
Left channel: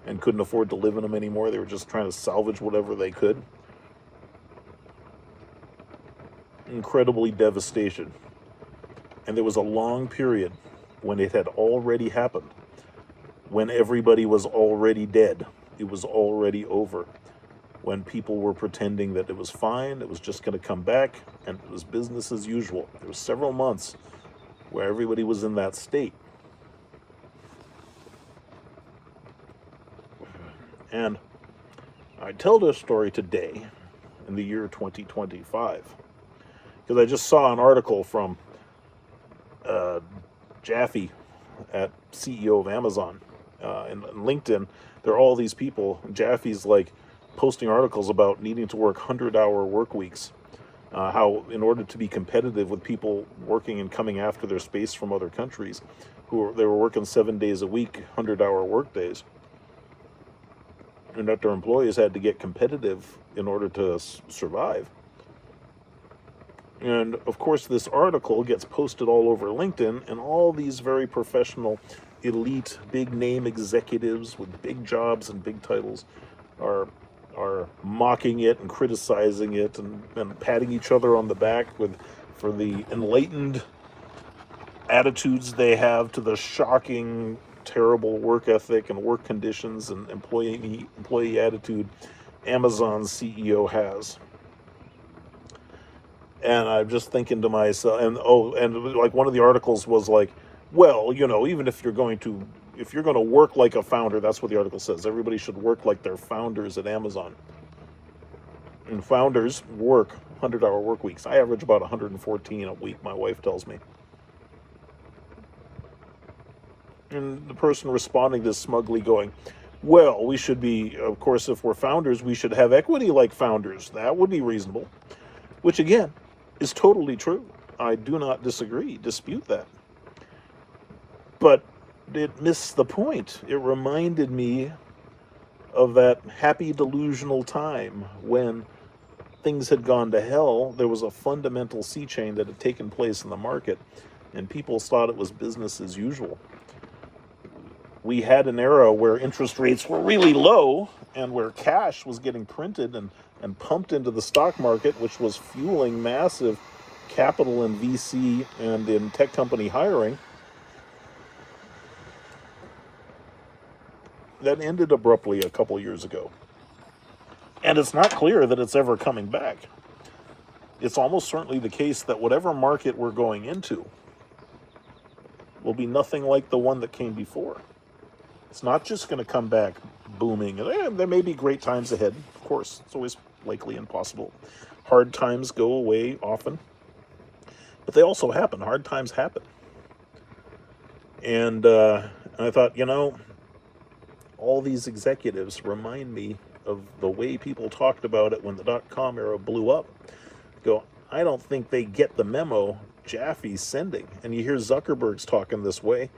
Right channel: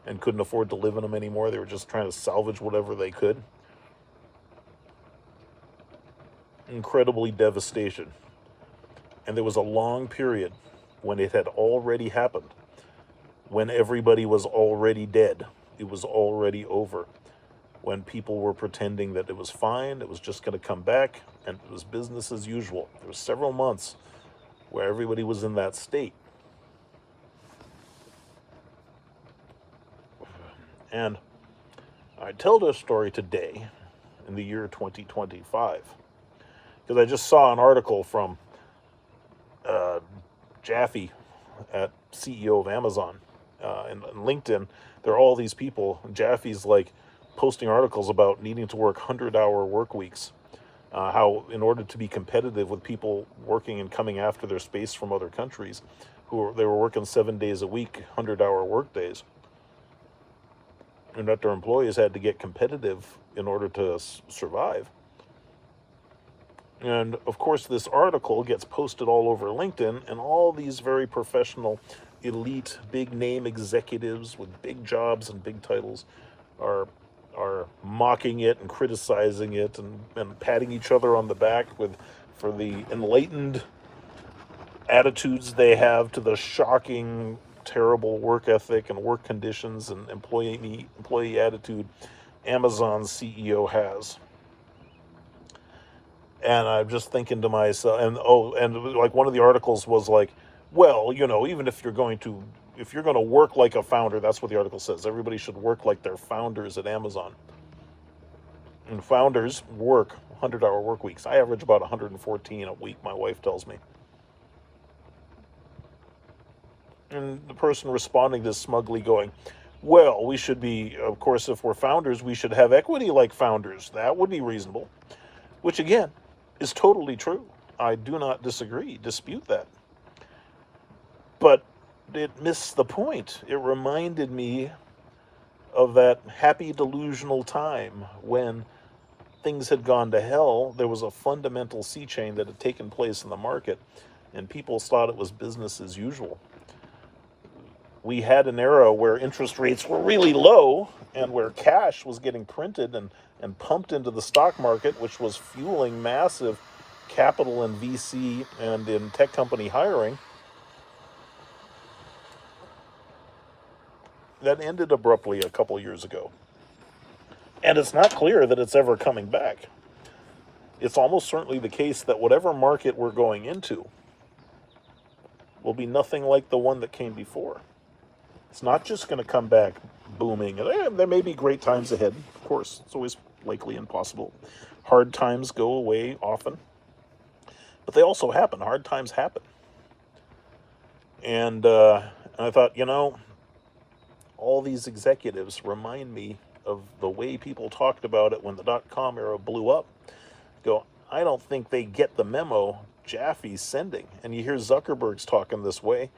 and couldn't afford to live in them anymore. They were just trying to salvage whatever they could. Incredibly devastation. And there was a long period when it had already happened, when everybody was already dead. It was already over. When people were pretending that it was fine, it was just going to come back, and it was business as usual. There were several months where everybody was in that state. And I tell this story today in the year 2025 because I just saw an article from Jaffe, at CEO of Amazon, and LinkedIn. There are all these people. And Jaffe's like posting articles about needing to work 100-hour work weeks. How in order to be competitive with people working and coming after their space from other countries, they were working 7 days a week, 100-hour work days, and that their employees had to get competitive in order to survive. And of course, this article gets posted all over LinkedIn, and all these very professional, elite, big name executives with big jobs and big titles are mocking it and criticizing it and patting each other on the back for the enlightened attitudes they have to the shocking, terrible work ethic and work conditions and employee attitude Amazon's CEO has. And I'm just thinking to myself, and like one of the articles was like, well, even if you're going to work like a founder, that's what the article says. Everybody should work like they're founders at Amazon. And founders work 100-hour work weeks. I average about 114 a week, my wife tells me. And the person responding to this smugly going, well, we should be, of course, if we're founders, we should have equity like founders. That would be reasonable. Which, again, is totally true. I do not dispute that. But it missed the point. It reminded me of that happy delusional time when things had gone to hell. There was a fundamental sea change that had taken place in the market, and people thought it was business as usual. We had an era where interest rates were really low and where cash was getting printed and pumped into the stock market, which was fueling massive capital in VC and in tech company hiring. That ended abruptly a couple years ago. And it's not clear that it's ever coming back. It's almost certainly the case that whatever market we're going into will be nothing like the one that came before. It's not just going to come back booming. And there may be great times ahead, of course. It's always likely and possible. Hard times go away often. But they also happen. Hard times happen. And I thought, all these executives remind me of the way people talked about it when the dot-com era blew up. I don't think they get the memo Jaffe's sending. And you hear Zuckerberg's talking this way.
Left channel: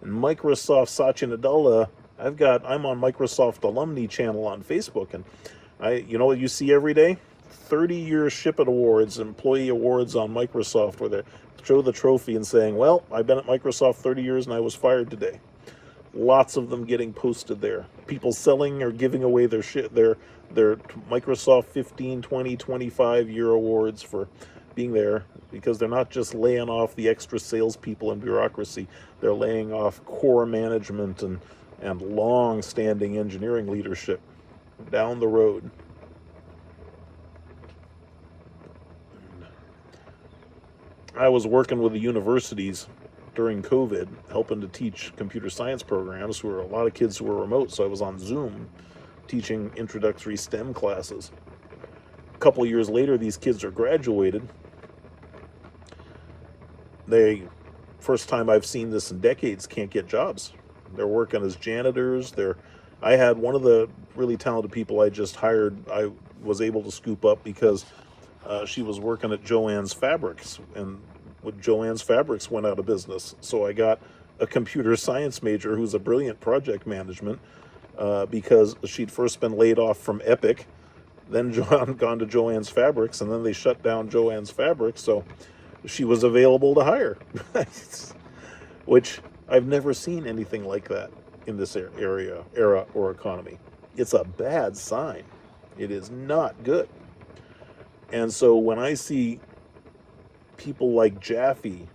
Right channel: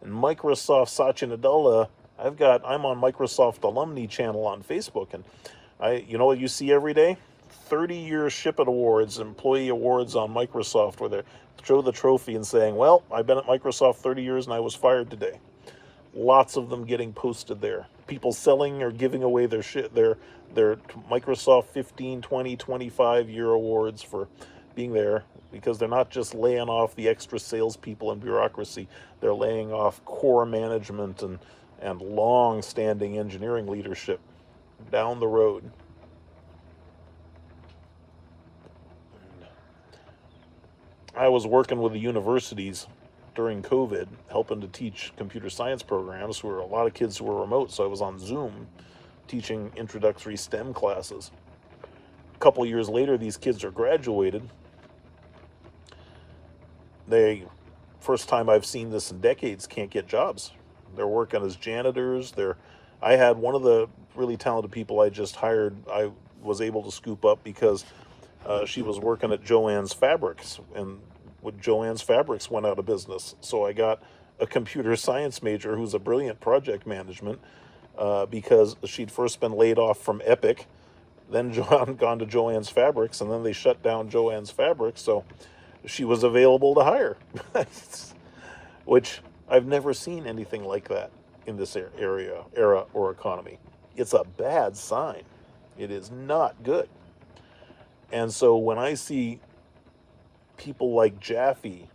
And Microsoft Satya Nadella, I'm on Microsoft alumni channel on Facebook, and what you see every day? 30-year Ship-It Awards, employee awards on Microsoft, where they show the trophy and saying, well, I've been at Microsoft 30 years and I was fired today. Lots of them getting posted there. People selling or giving away their Microsoft 15, 20, 25-year awards for being there, because they're not just laying off the extra salespeople and bureaucracy. They're laying off core management and long-standing engineering leadership down the road. I was working with the universities during COVID, helping to teach computer science programs, where a lot of kids who were remote, so I was on Zoom teaching introductory STEM classes. A couple of years later, these kids are graduated. They, first time I've seen this in decades, can't get jobs. They're working as janitors. I had one of the really talented people I just hired. I was able to scoop up because she was working at Joann's Fabrics, and when Joann's Fabrics went out of business, so I got a computer science major who's a brilliant project management because she'd first been laid off from Epic, then gone to Joann's Fabrics, and then they shut down Joann's Fabrics, so she was available to hire, which I've never seen anything like that in this era or economy. It's a bad sign. It is not good. And so when I see people like Jaffe,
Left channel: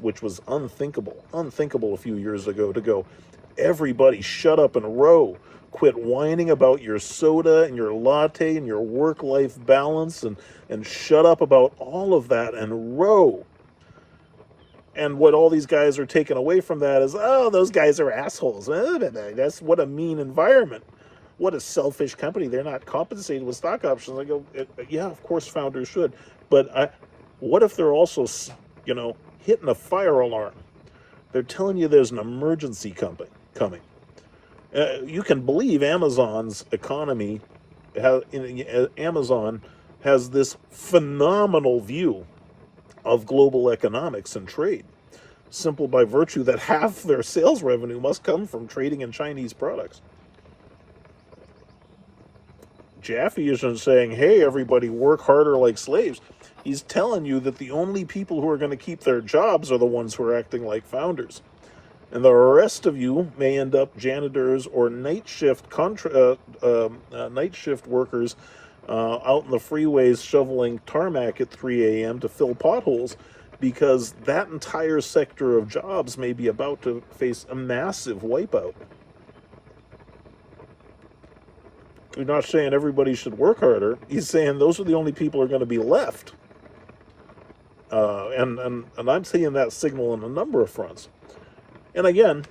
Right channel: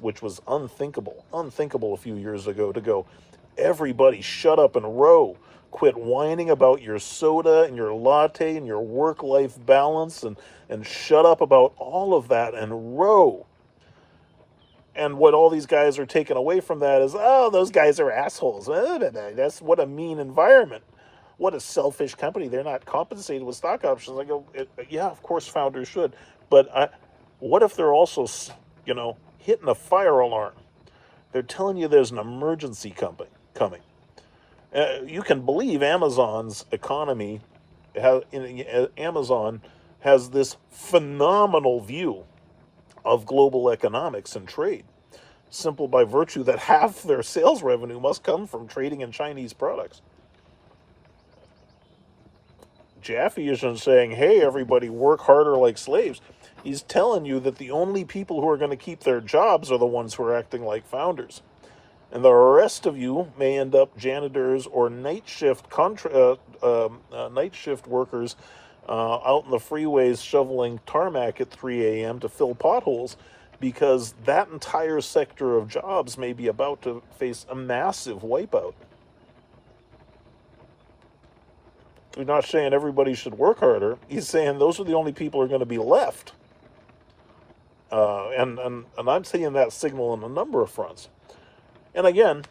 which was unthinkable a few years ago, to go, everybody shut up and row. Quit whining about your soda and your latte and your work-life balance, and shut up about all of that and row. And what all these guys are taking away from that is, oh, those guys are assholes. That's what a mean environment. What a selfish company. They're not compensated with stock options. I go, yeah, of course founders should. But what if they're also, hitting a fire alarm? They're telling you there's an emergency coming. You can believe Amazon's economy. Amazon has this phenomenal view of global economics and trade, simple by virtue that half their sales revenue must come from trading in Chinese products. Jaffe isn't saying, hey, everybody work harder like slaves. He's telling you that the only people who are going to keep their jobs are the ones who are acting like founders. And the rest of you may end up janitors or night shift workers out in the freeways shoveling tarmac at 3 a.m. to fill potholes, because that entire sector of jobs may be about to face a massive wipeout. You're not saying everybody should work harder. He's saying those are the only people who are going to be left. And I'm seeing that signal on a number of fronts. And again,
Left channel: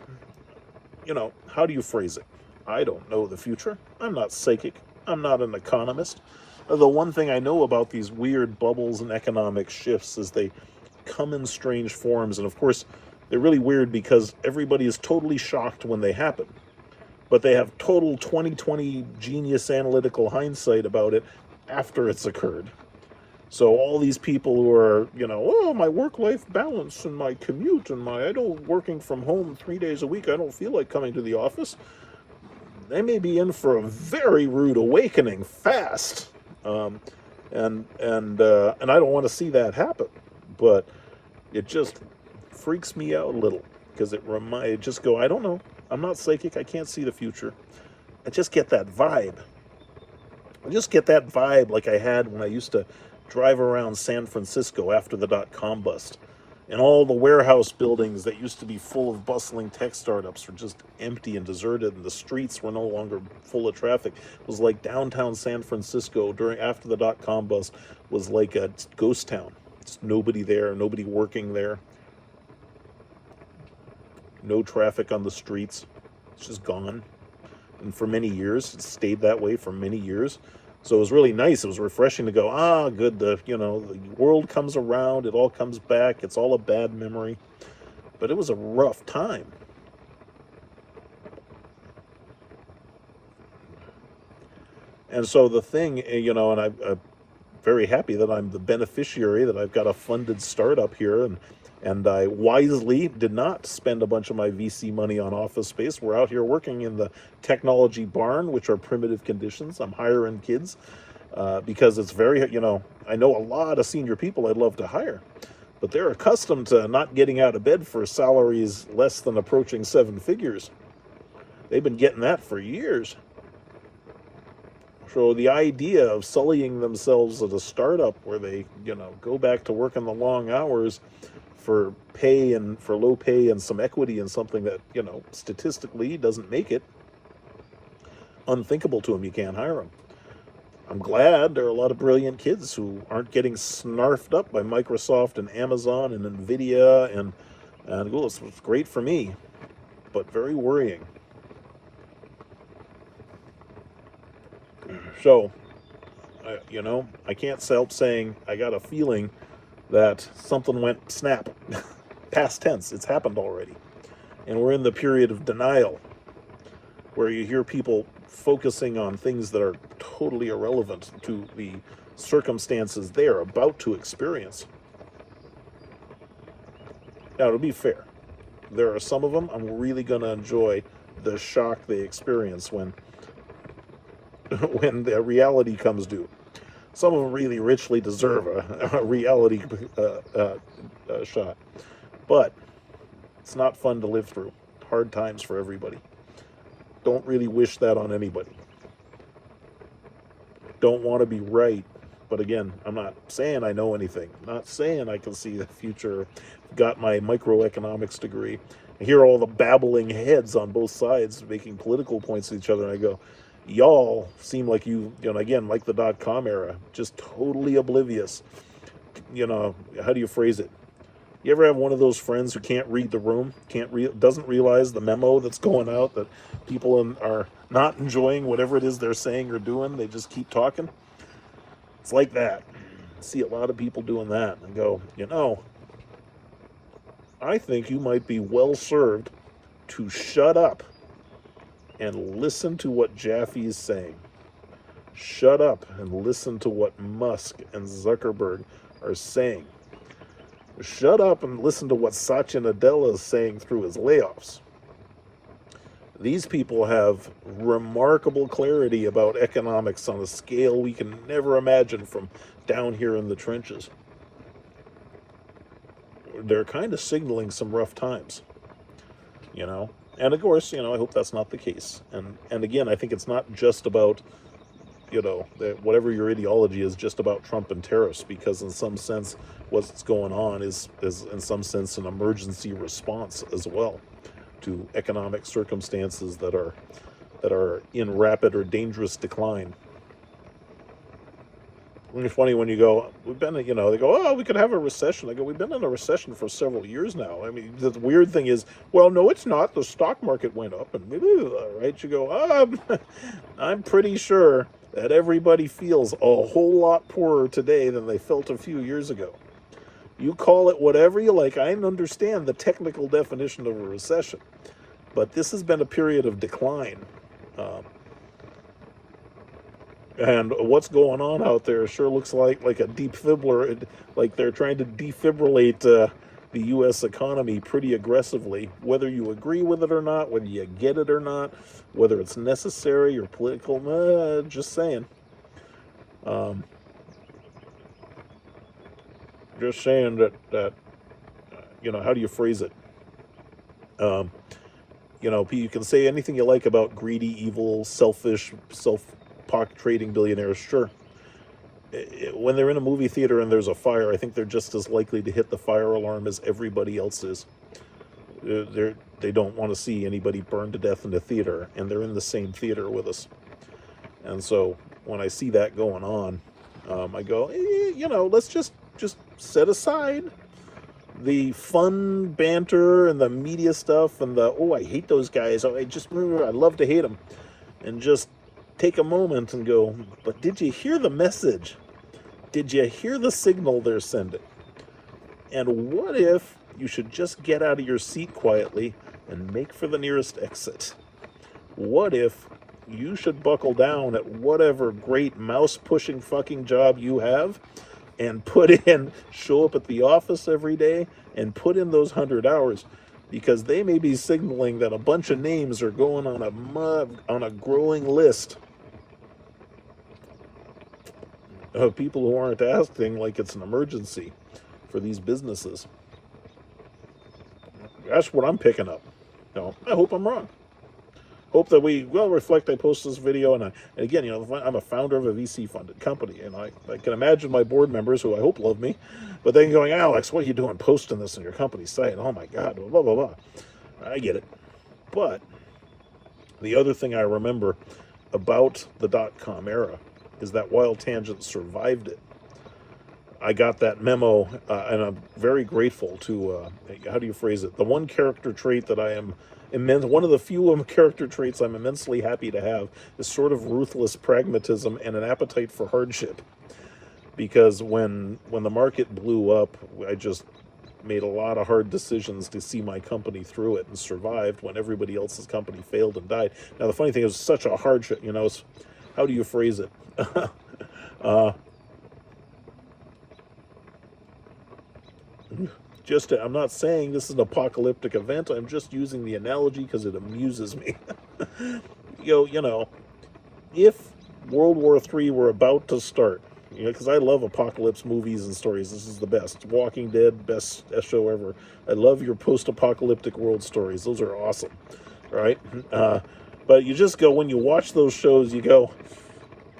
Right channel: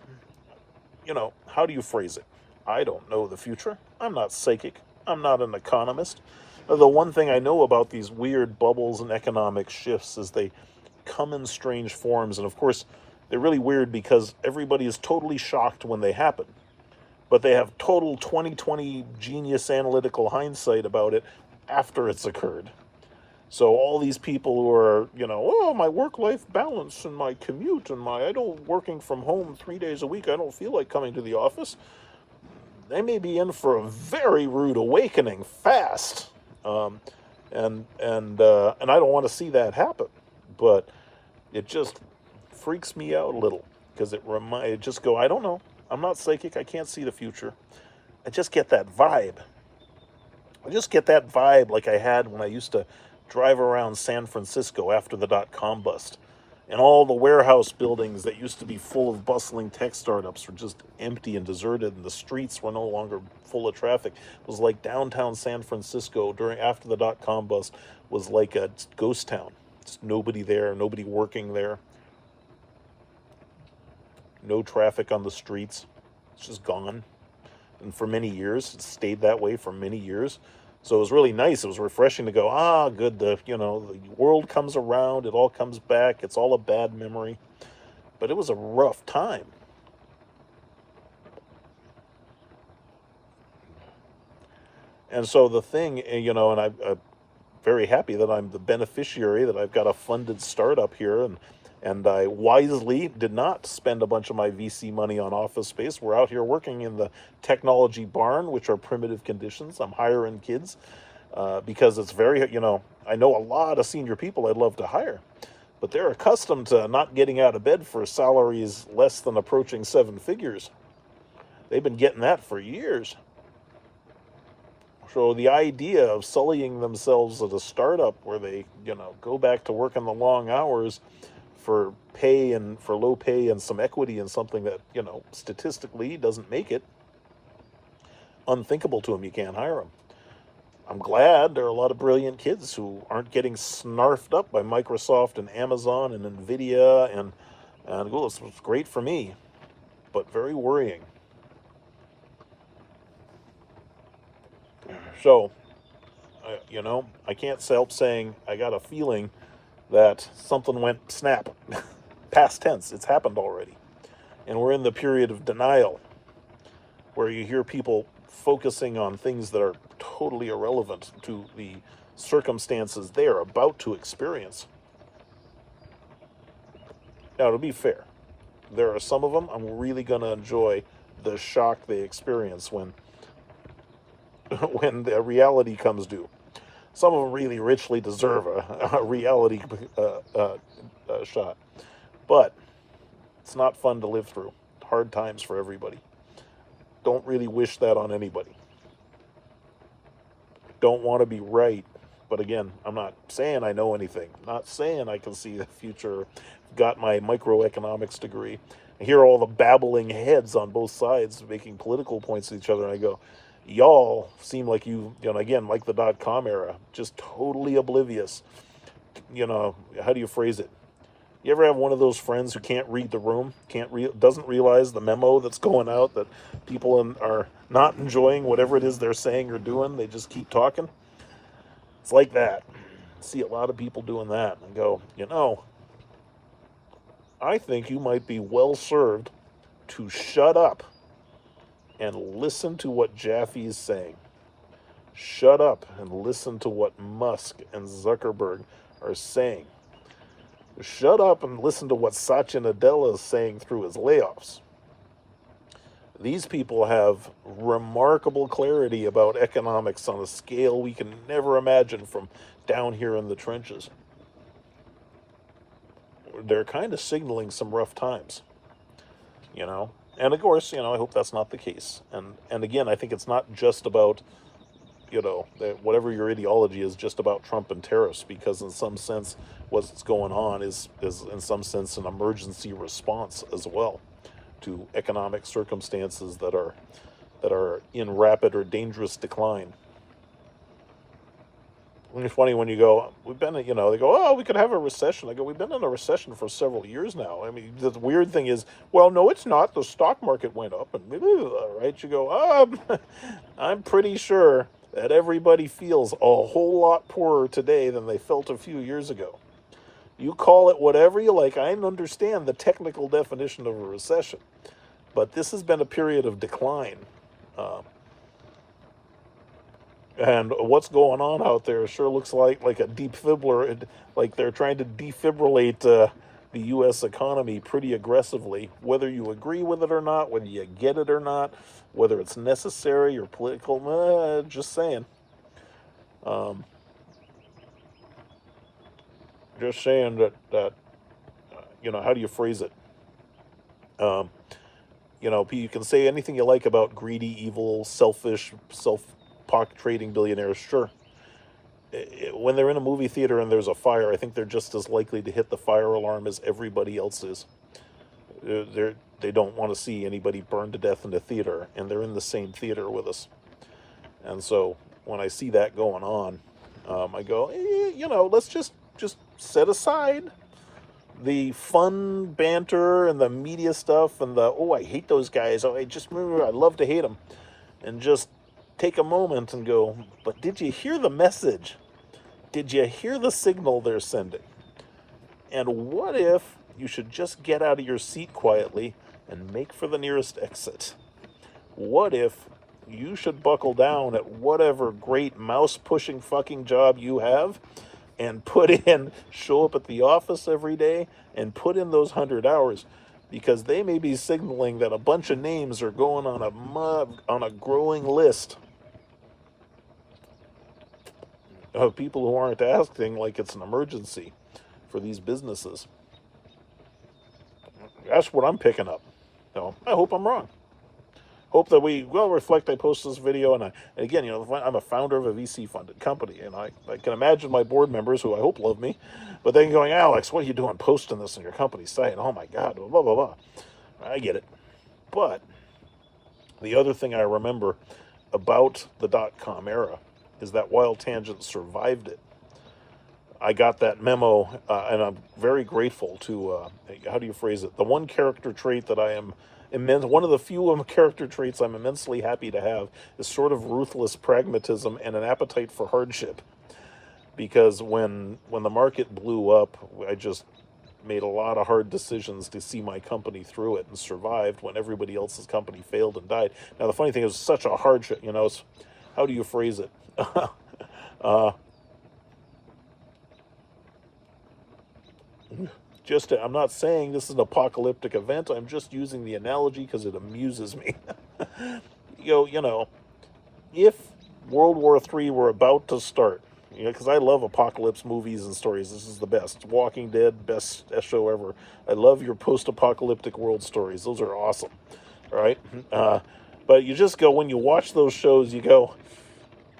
how do you phrase it? I don't know the future. I'm not psychic. I'm not an economist. The one thing I know about these weird bubbles and economic shifts is they come in strange forms. And of course, they're really weird because everybody is totally shocked when they happen. But they have total 2020 genius analytical hindsight about it after it's occurred. So all these people who are, my work-life balance and my commute and I don't working from home 3 days a week, I don't feel like coming to the office. They may be in for a very rude awakening fast. And I don't want to see that happen. But it just freaks me out a little because I just go, I don't know. I'm not psychic. I can't see the future. I just get that vibe. Like I had when I used to drive around San Francisco after the .com bust. And all the warehouse buildings that used to be full of bustling tech startups were just empty and deserted, and the streets were no longer full of traffic. It was like downtown San Francisco after the .com bust was like a ghost town. Just nobody there, nobody working there. No traffic on the streets. It's just gone. And for many years, it stayed that way for many years. So it was really nice. It was refreshing to go, good. The world comes around. It all comes back. It's all a bad memory. But it was a rough time. And so the thing, and I'm very happy that I'm the beneficiary, that I've got a funded startup here, and I wisely did not spend a bunch of my VC money on office space. We're out here working in the technology barn, which are primitive conditions. I'm hiring kids because it's very, I know a lot of senior people I'd love to hire, but they're accustomed to not getting out of bed for salaries less than approaching 7 figures. They've been getting that for years. So the idea of sullying themselves at a startup where they, go back to working the long hours for pay and for low pay and some equity in something that, statistically doesn't make it, unthinkable to them. You can't hire them. I'm glad there are a lot of brilliant kids who aren't getting snarfed up by Microsoft and Amazon and Nvidia, and well, it's great for me, but very worrying. So, I can't help saying I got a feeling that something went snap. Past tense, it's happened already. And we're in the period of denial where you hear people focusing on things that are totally irrelevant to the circumstances they are about to experience. Now, to be fair, there are some of them I'm really going to enjoy the shock they experience when when the reality comes due. Some of them really richly deserve a reality shot, but it's not fun to live through. Hard times for everybody. Don't really wish that on anybody. Don't want to be right. But again, I'm not saying I know anything. I'm not saying I can see the future. Got my microeconomics degree. I hear all the babbling heads on both sides making political points to each other, and I go, y'all seem like again, like the .com era, just totally oblivious. How do you phrase it? You ever have one of those friends who can't read the room, doesn't realize the memo that's going out that people are not enjoying whatever it is they're saying or doing? They just keep talking. It's like that. I see a lot of people doing that and go, I think you might be well served to shut up and listen to what Jaffe is saying. Shut up and listen to what Musk and Zuckerberg are saying. Shut up and listen to what Satya Nadella is saying through his layoffs. These people have remarkable clarity about economics on a scale we can never imagine from down here in the trenches. They're kind of signaling some rough times, And of course, I hope that's not the case. And again, I think it's not just about, whatever your ideology is, just about Trump and tariffs, because in some sense, what's going on is in some sense an emergency response as well to economic circumstances that are in rapid or dangerous decline. It's funny when you go, we've been, they go, oh, we could have a recession. I go, we've been in a recession for several years now. I mean, the weird thing is, well, no, it's not. The stock market went up, and right? You go, I'm pretty sure that everybody feels a whole lot poorer today than they felt a few years ago. You call it whatever you like. I understand the technical definition of a recession, but this has been a period of decline. And what's going on out there sure looks like a defibrillator, like they're trying to defibrillate the U.S. economy pretty aggressively. Whether you agree with it or not, whether you get it or not, whether it's necessary or political, just saying. Just saying that how do you phrase it? You can say anything you like about greedy, evil, selfish, pocket trading billionaires, sure. When they're in a movie theater and there's a fire, I think they're just as likely to hit the fire alarm as everybody else is. They don't want to see anybody burned to death in the theater, and they're in the same theater with us. And so when I see that going on, I go, let's just set aside the fun banter and the media stuff and I hate those guys. I love to hate them, and just take a moment and go, but did you hear the message? Did you hear the signal they're sending? And what if you should just get out of your seat quietly and make for the nearest exit? What if you should buckle down at whatever great mouse-pushing fucking job you have and show up at the office every day and put in those 100 hours? Because they may be signaling that a bunch of names are going on a growing list of people who aren't acting like it's an emergency for these businesses. That's what I'm picking up. I hope I'm wrong. Hope that we will reflect. I post this video, and again, I'm a founder of a VC-funded company, and I can imagine my board members, who I hope love me, but they're going, Alex, what are you doing posting this on your company site? Oh my God, blah, blah, blah. I get it. But the other thing I remember about the .com era is that while Tangent survived it, I got that memo, and I'm very grateful to, how do you phrase it? The one character trait that I am one of the few character traits I'm immensely happy to have is sort of ruthless pragmatism and an appetite for hardship. Because when the market blew up, I just made a lot of hard decisions to see my company through it and survived when everybody else's company failed and died. Now the funny thing is, such a hardship, how do you phrase it? uh, I'm not saying this is an apocalyptic event. I'm just using the analogy because it amuses me. You know, if World War III were about to start, because I love apocalypse movies and stories. This is the best. Walking Dead, best show ever. I love your post-apocalyptic world stories. Those are awesome, right? But you just go, when you watch those shows, you go,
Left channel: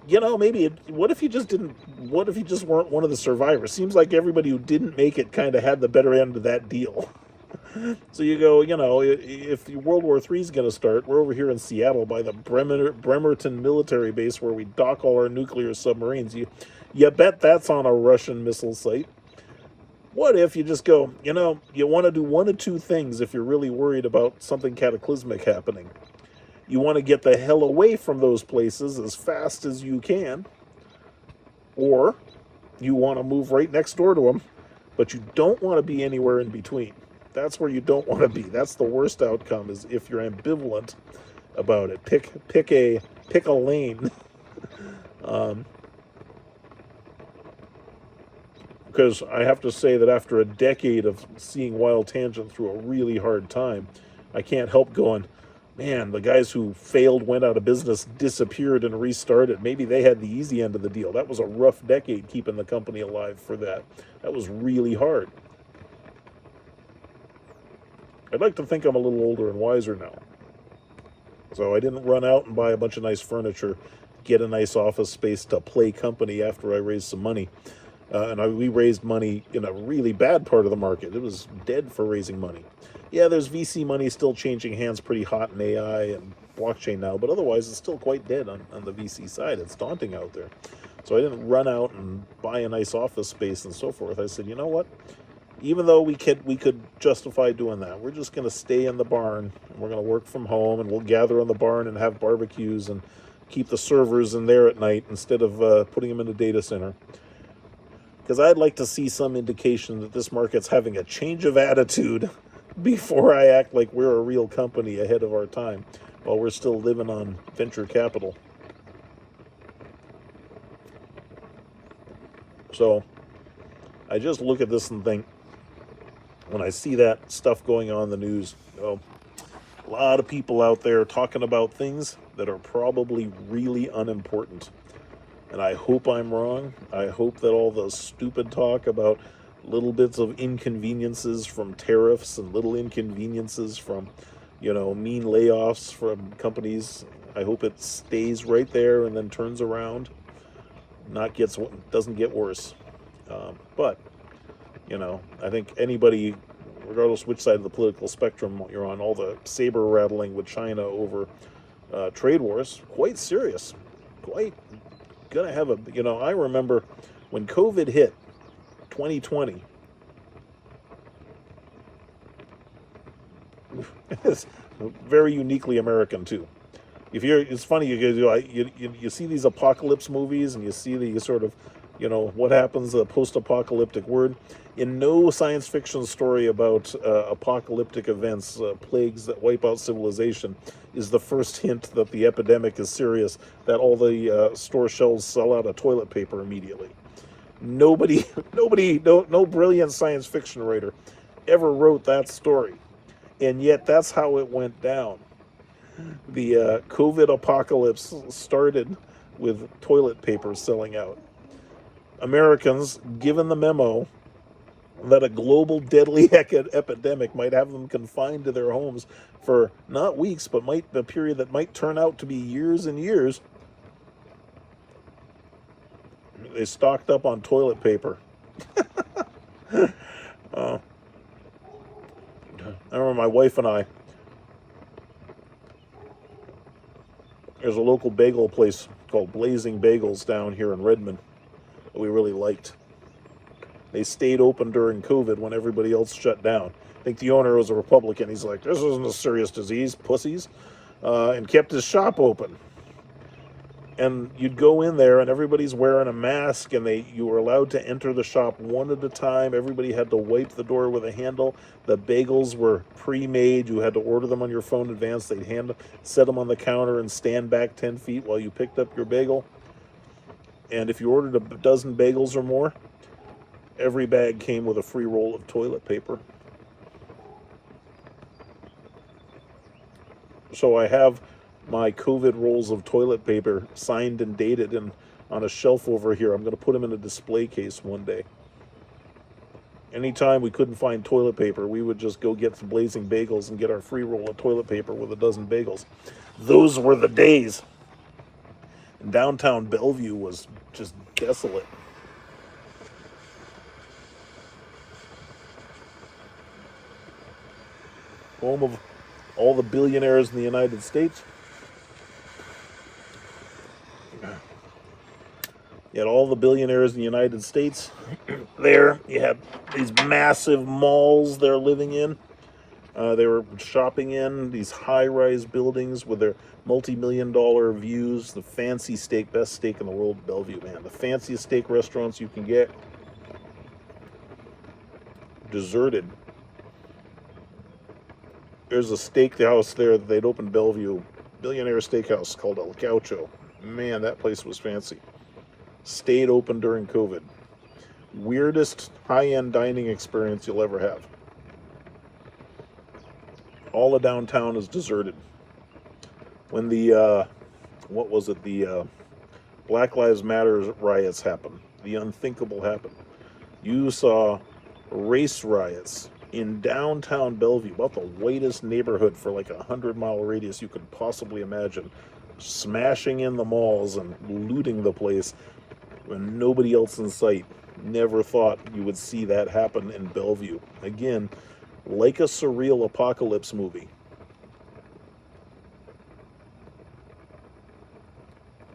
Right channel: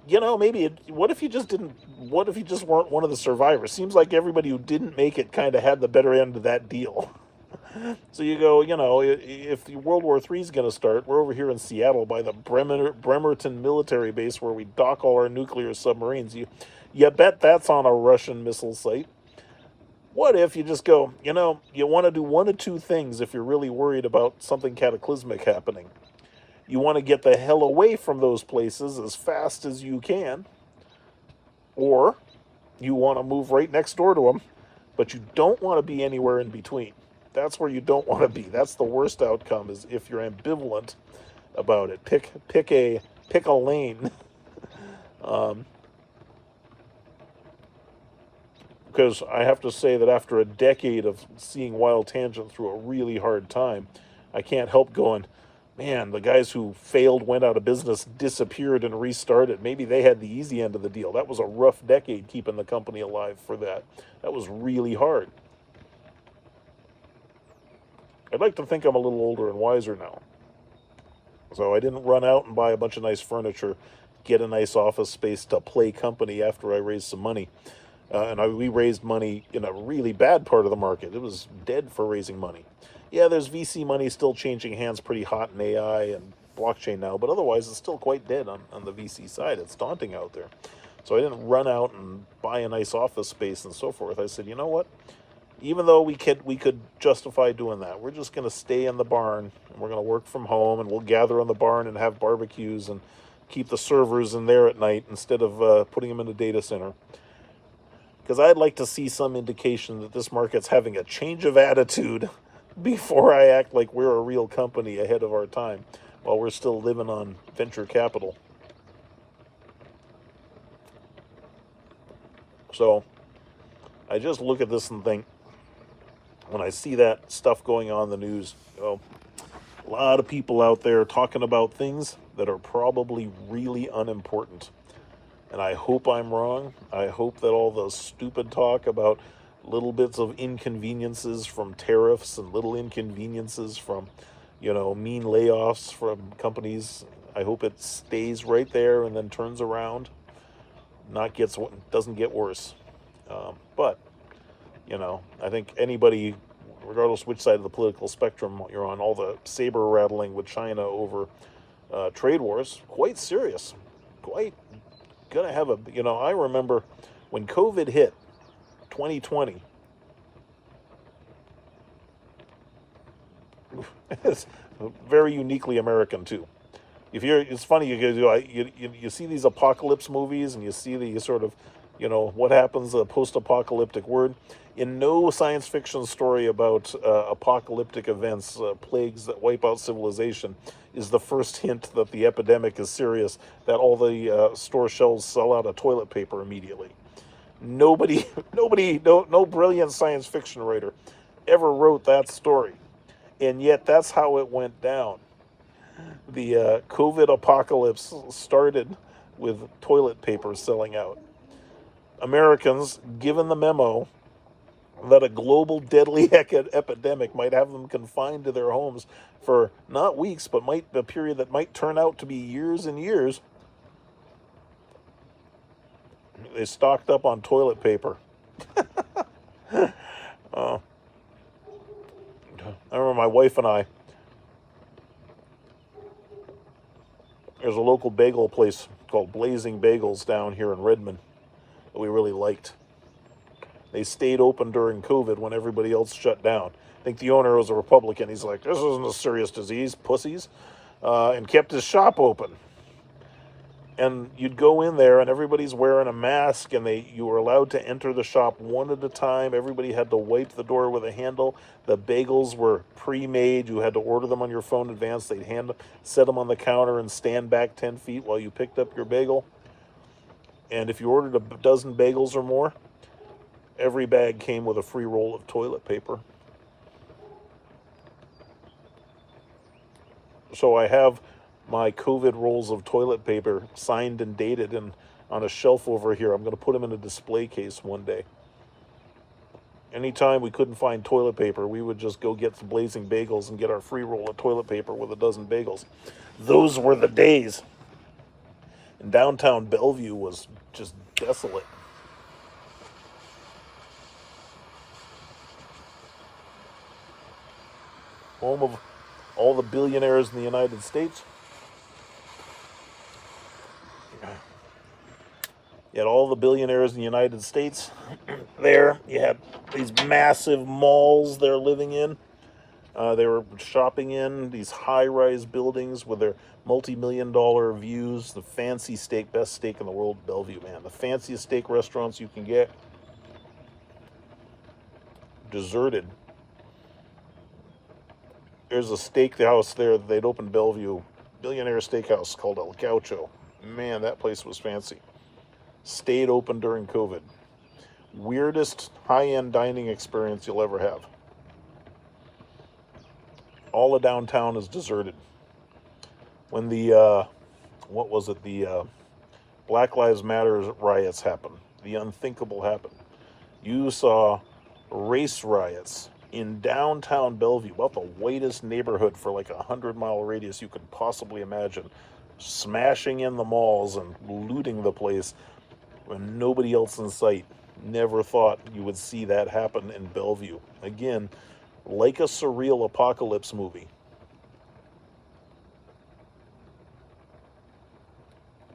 what if you just didn't? What if you just weren't one of the survivors? Seems like everybody who didn't make it kind of had the better end of that deal. So you go, if World War III is going to start, we're over here in Seattle by the Bremerton military base where we dock all our nuclear submarines. You bet that's on a Russian missile site. What if you just go, you want to do one of two things if you're really worried about something cataclysmic happening. You want to get the hell away from those places as fast as you can, or you want to move right next door to them, but you don't want to be anywhere in between. That's where you don't want to be. That's the worst outcome, is if you're ambivalent about it. Pick a lane. Because I have to say that after a decade of seeing Wild Tangent through a really hard time, I can't help going, man, the guys who failed, went out of business, disappeared, and restarted. Maybe they had the easy end of the deal. That was a rough decade keeping the company alive for that. That was really hard. I'd like to think I'm a little older and wiser now. So I didn't run out and buy a bunch of nice furniture, get a nice office space to play company after I raised some money. We raised money in a really bad part of the market. It was dead for raising money. Yeah, there's VC money still changing hands pretty hot in AI and blockchain now, but otherwise it's still quite dead on the VC side. It's daunting out there. So I didn't run out and buy a nice office space and so forth. I said, you know what? Even though we could justify doing that, we're just going to stay in the barn. And we're going to work from home, and we'll gather in the barn and have barbecues and keep the servers in there at night instead of putting them in a data center. Because I'd like to see some indication that this market's having a change of attitude before I act like we're a real company ahead of our time while we're still living on venture capital. So I just look at this and think, when I see that stuff going on in the news, a lot of people out there talking about things that are probably really unimportant. And I hope I'm wrong. I hope that all the stupid talk about little bits of inconveniences from tariffs and little inconveniences from, mean layoffs from companies, I hope it stays right there and then turns around, doesn't get worse. But I think anybody, regardless which side of the political spectrum you're on, all the saber rattling with China over trade wars, quite serious, quite gonna have I remember when COVID hit 2020. It's very uniquely American too. It's funny, you see these apocalypse movies and you see the sort of, what happens, the post-apocalyptic word. In no science fiction story about apocalyptic events, plagues that wipe out civilization, is the first hint that the epidemic is serious, that all the store shelves sell out of toilet paper immediately. Nobody, no brilliant science fiction writer ever wrote that story. And yet that's how it went down. The COVID apocalypse started with toilet paper selling out. Americans, given the memo that a global deadly epidemic might have them confined to their homes for not weeks, but a period that might turn out to be years and years, they stocked up on toilet paper. I remember my wife and I, there's a local bagel place called Blazing Bagels down here in Redmond that we really liked. They stayed open during COVID when everybody else shut down. I think the owner was a Republican. He's like, this isn't a serious disease, pussies, and kept his shop open. And you'd go in there and everybody's wearing a mask, and you were allowed to enter the shop one at a time. Everybody had to wipe the door with a handle. The bagels were pre-made. You had to order them on your phone in advance. They'd set them on the counter and stand back 10 feet while you picked up your bagel. And if you ordered a dozen bagels or more, every bag came with a free roll of toilet paper. So I have my COVID rolls of toilet paper signed and dated and on a shelf over here. I'm going to put them in a display case one day. Anytime we couldn't find toilet paper, we would just go get some Blazing Bagels and get our free roll of toilet paper with a dozen bagels. Those were the days. And downtown Bellevue was just desolate. Home of all the billionaires in the United States. You had all the billionaires in the United States there. You had these massive malls they're living in. They were shopping in these high-rise buildings with their multi-million-dollar views. The fancy steak, best steak in the world, Bellevue, man. The fanciest steak restaurants you can get. Deserted. There's a steakhouse there that they'd opened Bellevue, billionaire steakhouse called El Gaucho. Man, that place was fancy. Stayed open during COVID. Weirdest high-end dining experience you'll ever have. All of downtown is deserted. When the, the Black Lives Matter riots happened, the unthinkable happened. You saw race riots in downtown Bellevue, about the whitest neighborhood for like 100-mile radius you could possibly imagine, smashing in the malls and looting the place when nobody else in sight. Never thought you would see that happen in Bellevue. Again, like a surreal apocalypse movie.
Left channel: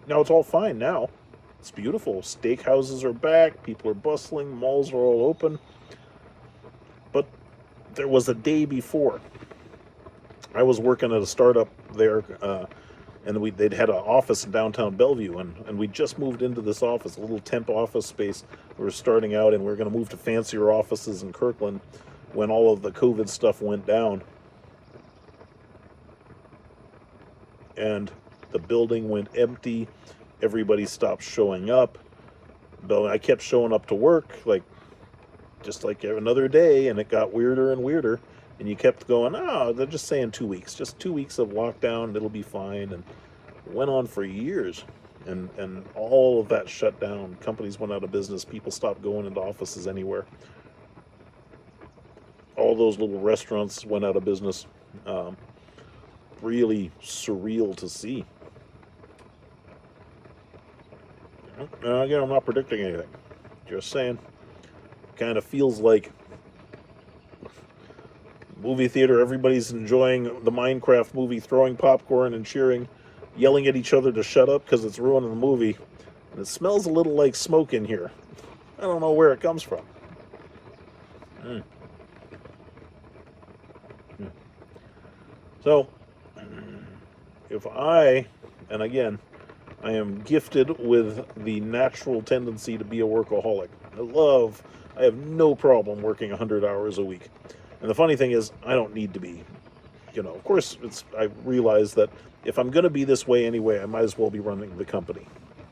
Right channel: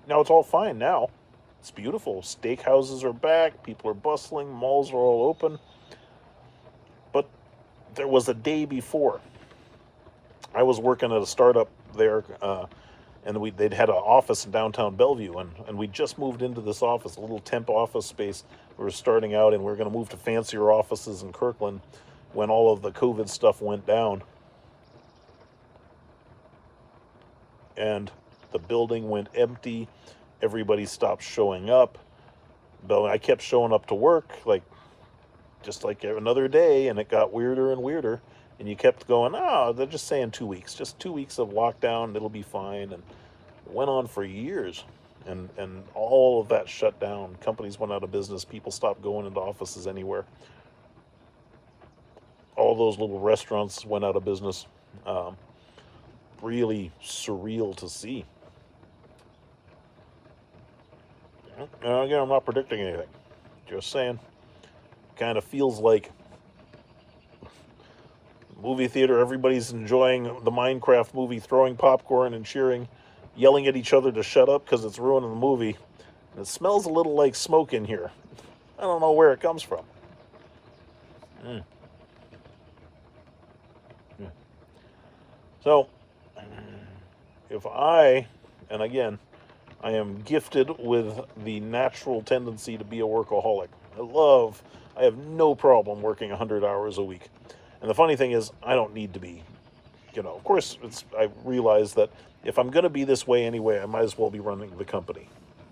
Now it's all fine now. It's beautiful. Steakhouses are back. People are bustling. Malls are all open. But there was a day before. I was working at a startup there, and they'd had an office in downtown Bellevue, and we just moved into this office, a little temp office space. We were starting out, and we were going to move to fancier offices in Kirkland when all of the COVID stuff went down. And the building went empty. Everybody stopped showing up. I kept showing up to work, just like another day, and it got weirder and weirder. And you kept going, they're just saying 2 weeks. Just 2 weeks of lockdown, it'll be fine. And it went on for years. And all of that shut down. Companies went out of business. People stopped going into offices anywhere. All those little restaurants went out of business. Really surreal to see. And again, I'm not predicting anything. Just saying. Kind of feels like movie theater, everybody's enjoying the Minecraft movie, throwing popcorn and cheering, yelling at each other to shut up because it's ruining the movie. And it smells a little like smoke in here. I don't know where it comes from. So, and again, I am gifted with the natural tendency to be a workaholic. I have no problem working 100 hours a week. And the funny thing is, I don't need to be. Of course, I realize that if I'm going to be this way anyway, I might as well be running the company.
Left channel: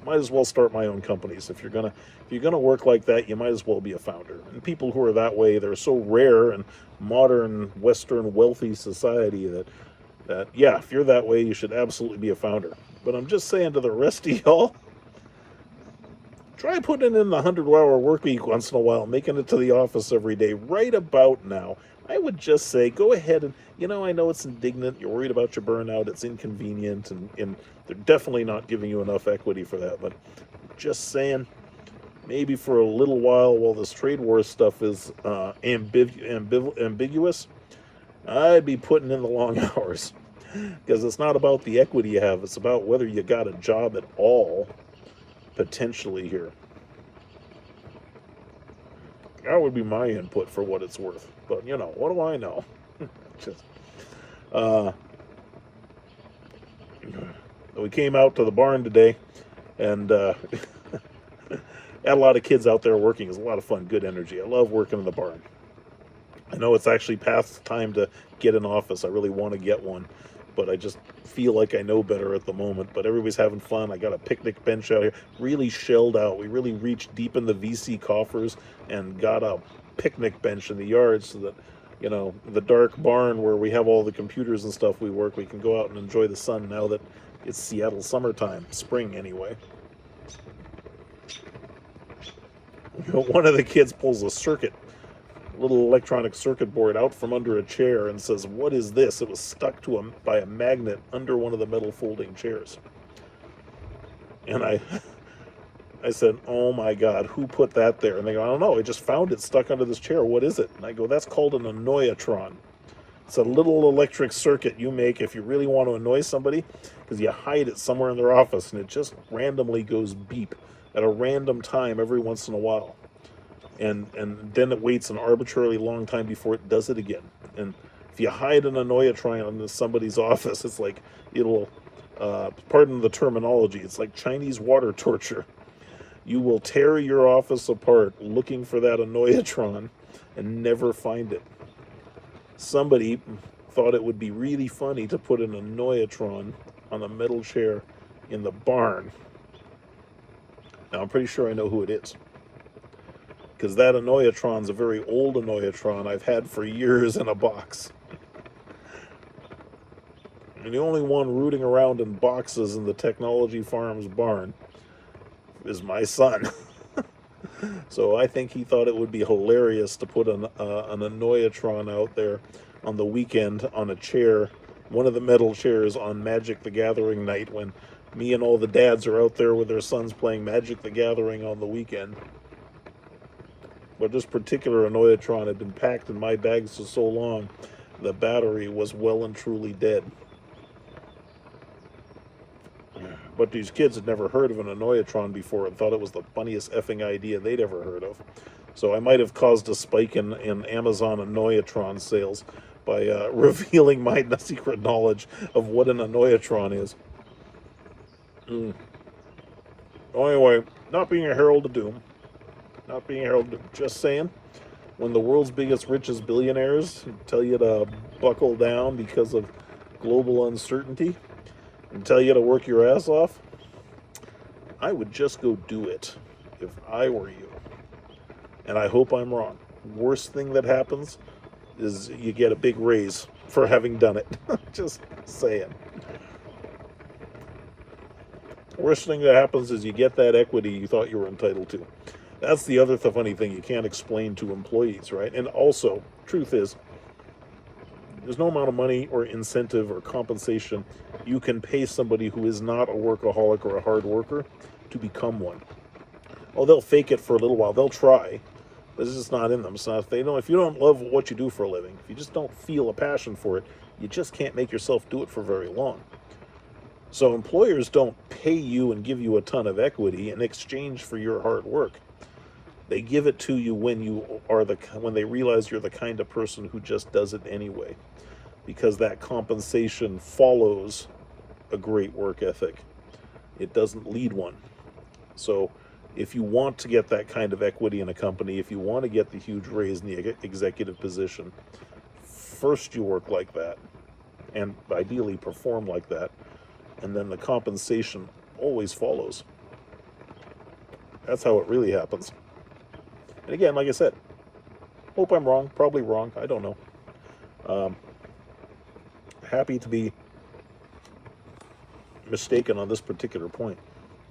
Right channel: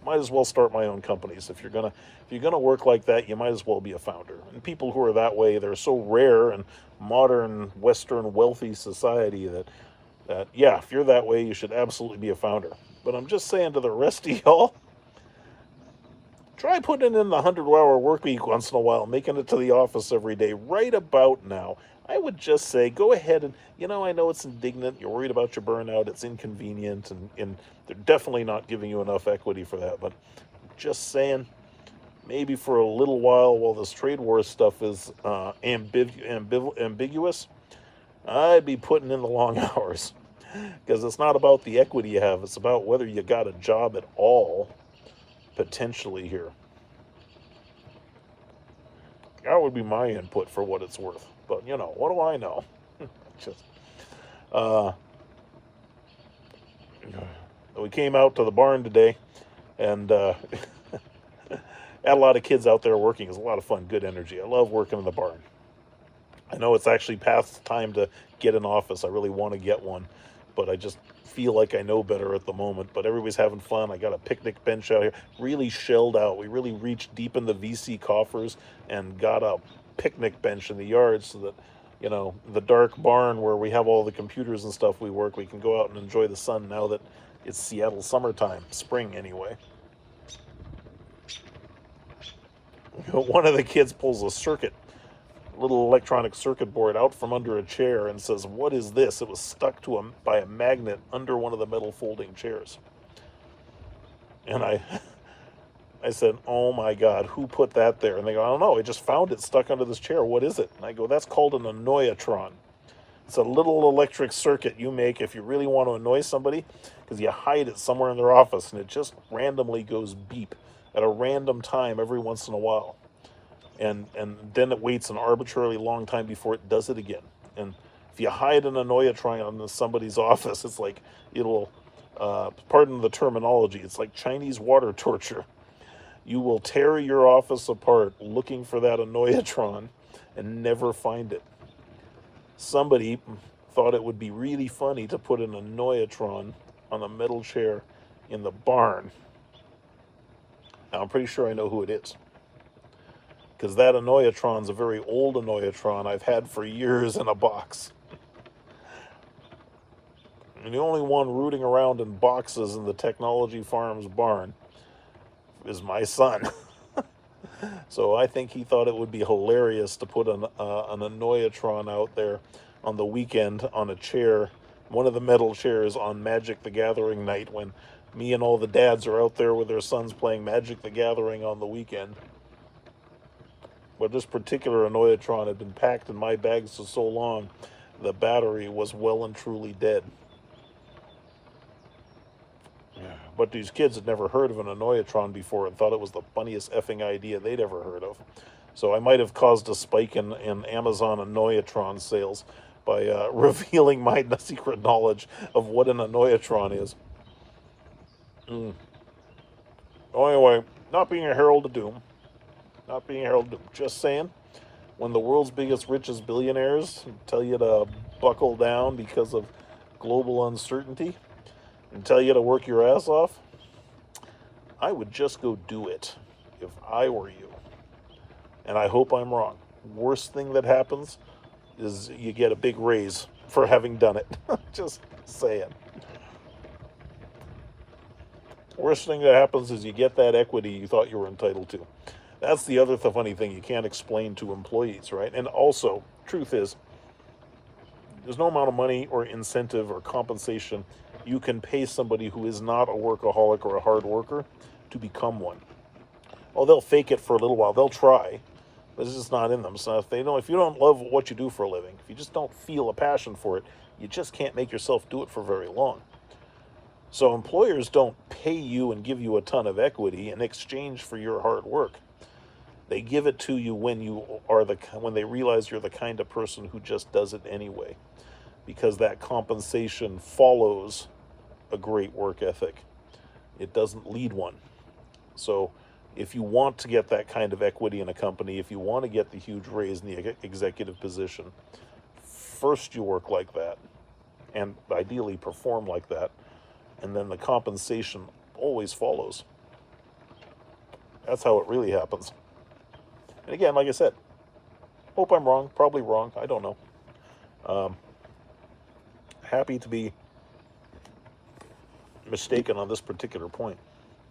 Might as well start my own companies. If you're gonna work like that, you might as well be a founder. And people who are that way, they're so rare in modern Western wealthy society that if you're that way, you should absolutely be a founder. But I'm just saying to the rest of y'all, try putting in the 100-hour work week once in a while, making it to the office every day. Right about now, I would just say, go ahead and, I know it's indignant, you're worried about your burnout, it's inconvenient, and they're definitely not giving you enough equity for that, but just saying, maybe for a little while this trade war stuff is ambiguous, I'd be putting in the long hours, because it's not about the equity you have, it's about whether you got a job at all, potentially here. That would be my input for what it's worth. But you know, what do I know? Just, uh, we came out to the barn today, and had a lot of kids out there working. It's a lot of fun, good energy. I love working in the barn. I know it's actually past time to get an office. I really want to get one, but I just feel like I know better at the moment. But everybody's having fun. I got a picnic bench out here, really shelled out. We really reached deep in the VC coffers and got a picnic bench in the yard so that, you know, the dark barn where we have all the computers and stuff we work, we can go out and enjoy the sun now that it's Seattle summertime, spring anyway. One of the kids pulls a little electronic circuit board out from under a chair and says, "What is this?" It was stuck to him by a magnet under one of the metal folding chairs. And I said, "Oh my God, who put that there?" And they go, "I don't know. I just found it stuck under this chair. What is it?" And I go, "That's called an annoyatron. It's a little electric circuit you make if you really want to annoy somebody, because you hide it somewhere in their office and it just randomly goes beep at a random time every once in a while. And then it waits an arbitrarily long time before it does it again. And if you hide an annoyatron in somebody's office, it's like it'll, pardon the terminology, it's like Chinese water torture. You will tear your office apart looking for that annoyatron and never find it. Somebody thought it would be really funny to put an annoyatron on a metal chair in the barn. Now, I'm pretty sure I know who it is, because that annoyatron's a very old annoyatron I've had for years in a box. And the only one rooting around in boxes in the Technology Farms barn is my son. So I think he thought it would be hilarious to put an annoyatron out there on the weekend on a chair, one of the metal chairs on Magic the Gathering night, when me and all the dads are out there with their sons playing Magic the Gathering on the weekend. But this particular annoyatron had been packed in my bags for so long, the battery was well and truly dead. But these kids had never heard of an annoyatron before and thought it was the funniest effing idea they'd ever heard of. So I might have caused a spike in Amazon annoyatron sales by revealing my secret knowledge of what an annoyatron is. Oh, anyway, not being a herald of doom. Not being a herald of doom. Just saying, when the world's biggest, richest billionaires tell you to buckle down because of global uncertainty and tell you to work your ass off, I would just go do it if I were you. And I hope I'm wrong. Worst thing that happens is you get a big raise for having done it. Just saying. Worst thing that happens is you get that equity you thought you were entitled to. That's the other funny thing you can't explain to employees, right? And also, truth is, there's no amount of money or incentive or compensation you can pay somebody who is not a workaholic or a hard worker to become one. Oh, they'll fake it for a little while. They'll try, but it's just not in them. So if you don't love what you do for a living, if you just don't feel a passion for it, you just can't make yourself do it for very long. So employers don't pay you and give you a ton of equity in exchange for your hard work. They give it to you when they realize you're the kind of person who just does it anyway, because that compensation follows a great work ethic. It doesn't lead one. So if you want to get that kind of equity in a company, if you want to get the huge raise in the executive position, first you work like that, and ideally perform like that, and then the compensation always follows. That's how it really happens. And again, like I said, hope I'm wrong, probably wrong, I don't know. Happy to be mistaken on this particular point.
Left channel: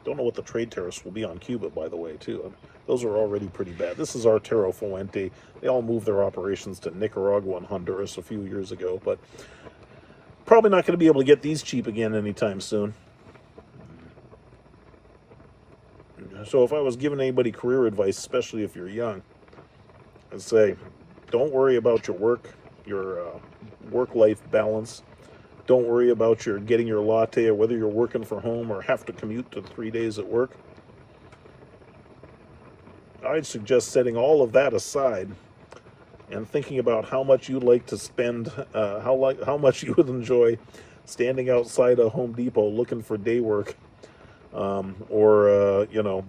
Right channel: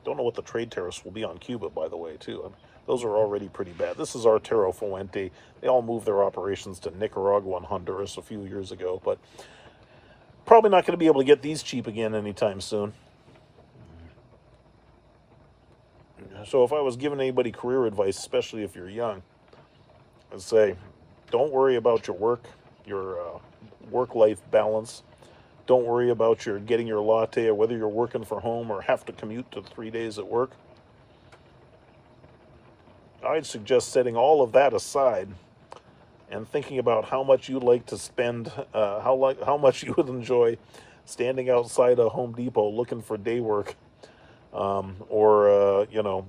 Don't know what the trade tariffs will be on Cuba, by the way, too. Those are already pretty bad. This is Artero Fuente. They all moved their operations to Nicaragua and Honduras a few years ago, but probably not going to be able to get these cheap again anytime soon. So if I was giving anybody career advice, especially if you're young, I'd say, don't worry about your work-life balance. Don't worry about your getting your latte or whether you're working from home or have to commute to 3 days at work. I'd suggest setting all of that aside and thinking about how much you'd like to spend, how much you would enjoy standing outside a Home Depot looking for day work, or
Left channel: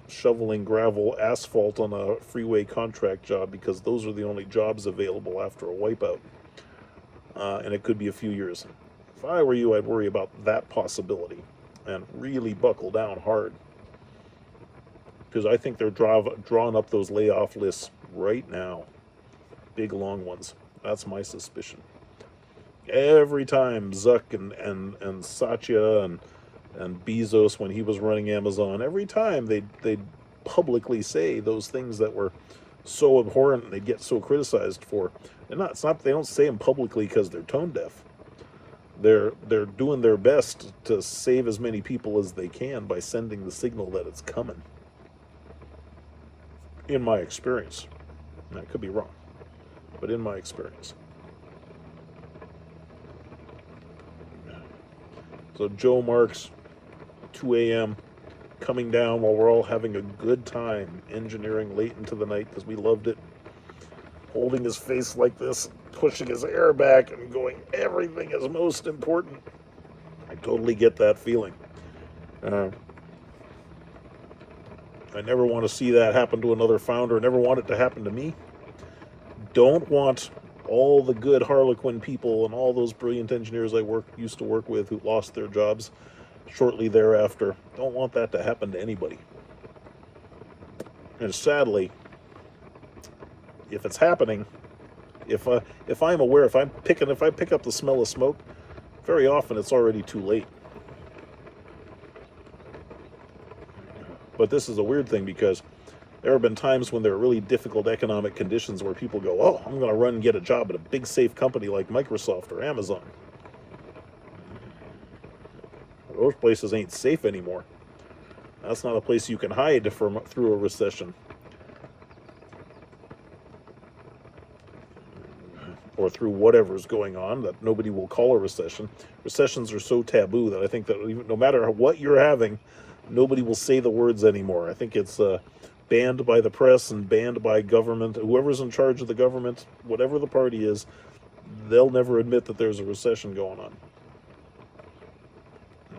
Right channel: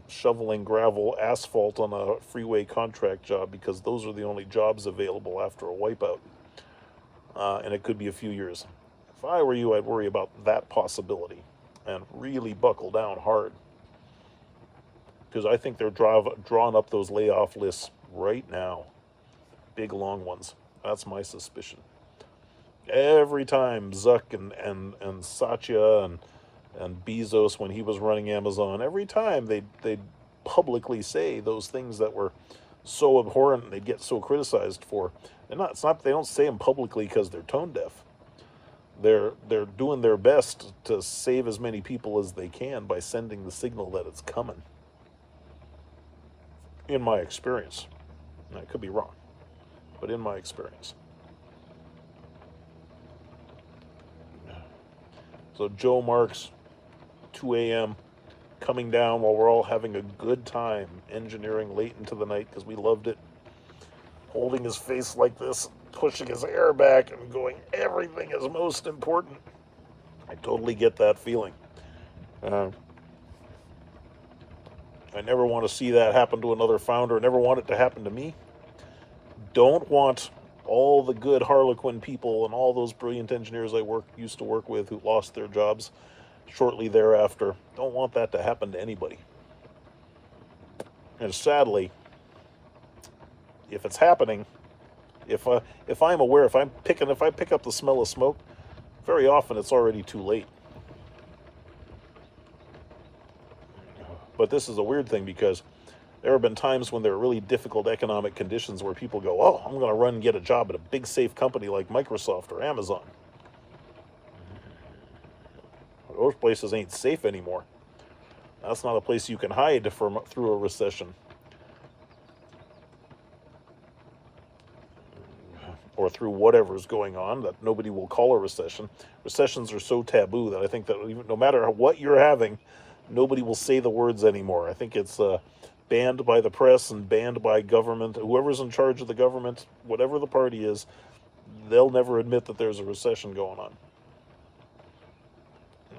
shoveling gravel, asphalt on a freeway contract job, because those are the only jobs available after a wipeout, and it could be a few years. If I were you, I'd worry about that possibility and really buckle down hard, because I think they're drawing up those layoff lists right now. Big long ones. That's my suspicion. Every time Zuck and Satya and Bezos, when he was running Amazon, every time they'd publicly say those things that were so abhorrent and they'd get so criticized for. They don't say them publicly because they're tone deaf. They're doing their best to save as many people as they can by sending the signal that it's coming. In my experience. And I could be wrong, but in my experience. So Joe Marks, 2 a.m., coming down while we're all having a good time engineering late into the night because we loved it. Holding his face like this, pushing his hair back and going, everything is most important. I totally get that feeling. I never want to see that happen to another founder. I never want it to happen to me. Don't want all the good Harlequin people and all those brilliant engineers I used to work with who lost their jobs shortly thereafter. Don't want that to happen to anybody. And sadly, if it's happening, if I'm aware, if I pick up the smell of smoke, very often it's already too late. But this is a weird thing, because there have been times when there are really difficult economic conditions where people go, oh, I'm going to run and get a job at a big safe company like Microsoft or Amazon. Those places ain't safe anymore. That's not a place you can hide through a recession. Or through whatever's going on that nobody will call a recession. Recessions are so taboo that I think that even, no matter what you're having, nobody will say the words anymore. I think it's banned by the press and banned by government. Whoever's in charge of the government, whatever the party is, they'll never admit that there's a recession going on.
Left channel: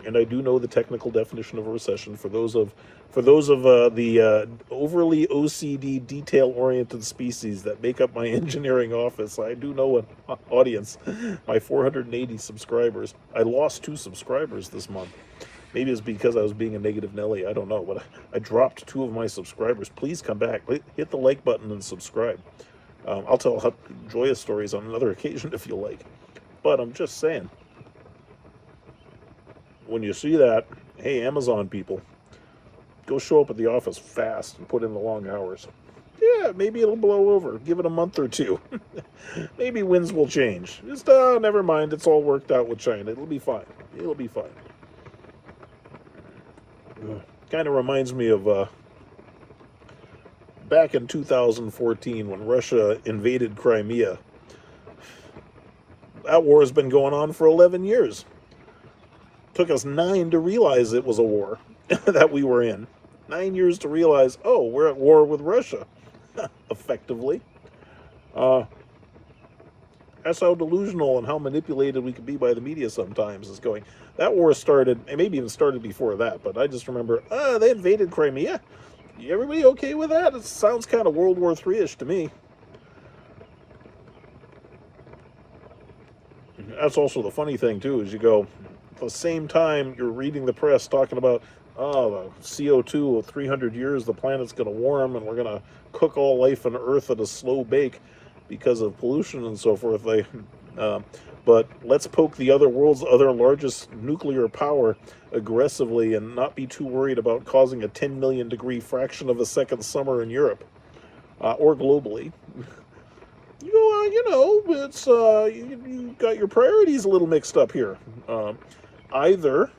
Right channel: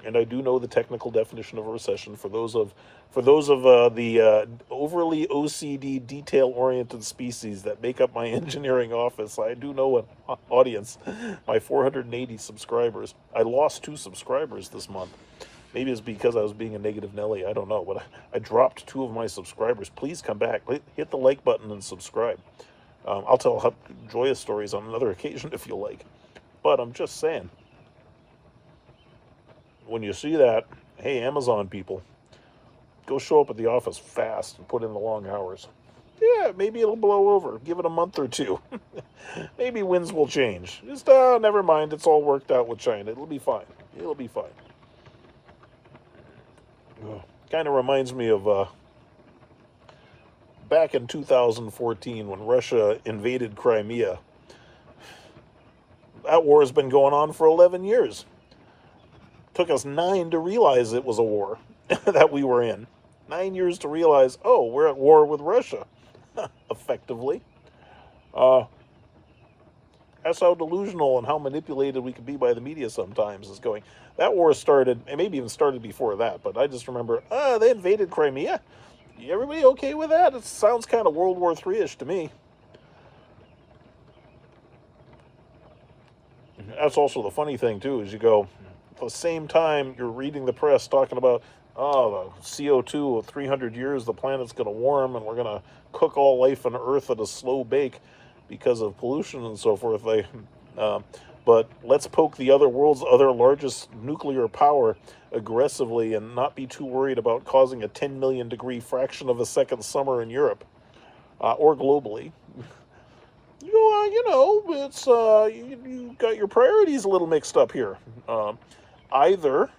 And I do know the technical definition of a recession. For those of the overly OCD, detail-oriented species that make up my engineering office, I do know an audience. My 480 subscribers. I lost 2 subscribers this month. Maybe it's because I was being a negative Nelly. I don't know. But I dropped 2 of my subscribers. Please come back. Hit the like button and subscribe. I'll tell joyous stories on another occasion if you like. But I'm just saying, when you see that, hey, Amazon people, go show up at the office fast and put in the long hours. Yeah, maybe it'll blow over. Give it a month or 2. Maybe winds will change. Just, never mind. It's all worked out with China. It'll be fine. It'll be fine. Kind of reminds me of back in 2014 when Russia invaded Crimea. That war has been going on for 11 years. Took us 9 to realize it was a war that we were in. 9 years to realize, oh, we're at war with Russia, effectively. That's how delusional and how manipulated we can be by the media sometimes, is going, that war started, and maybe even started before that, but I just remember, they invaded Crimea. Everybody okay with that? It sounds kind of World War III-ish to me. That's also the funny thing, too, is you go, at the same time you're reading the press talking about, oh, CO2, 300 years, the planet's going to warm, and we're going to cook all life on Earth at a slow bake because of pollution and so forth. But let's poke the other world's other largest nuclear power aggressively and not be too worried about causing a 10 million degree fraction of a second summer in Europe, or globally. It's you got your priorities a little mixed up here. Either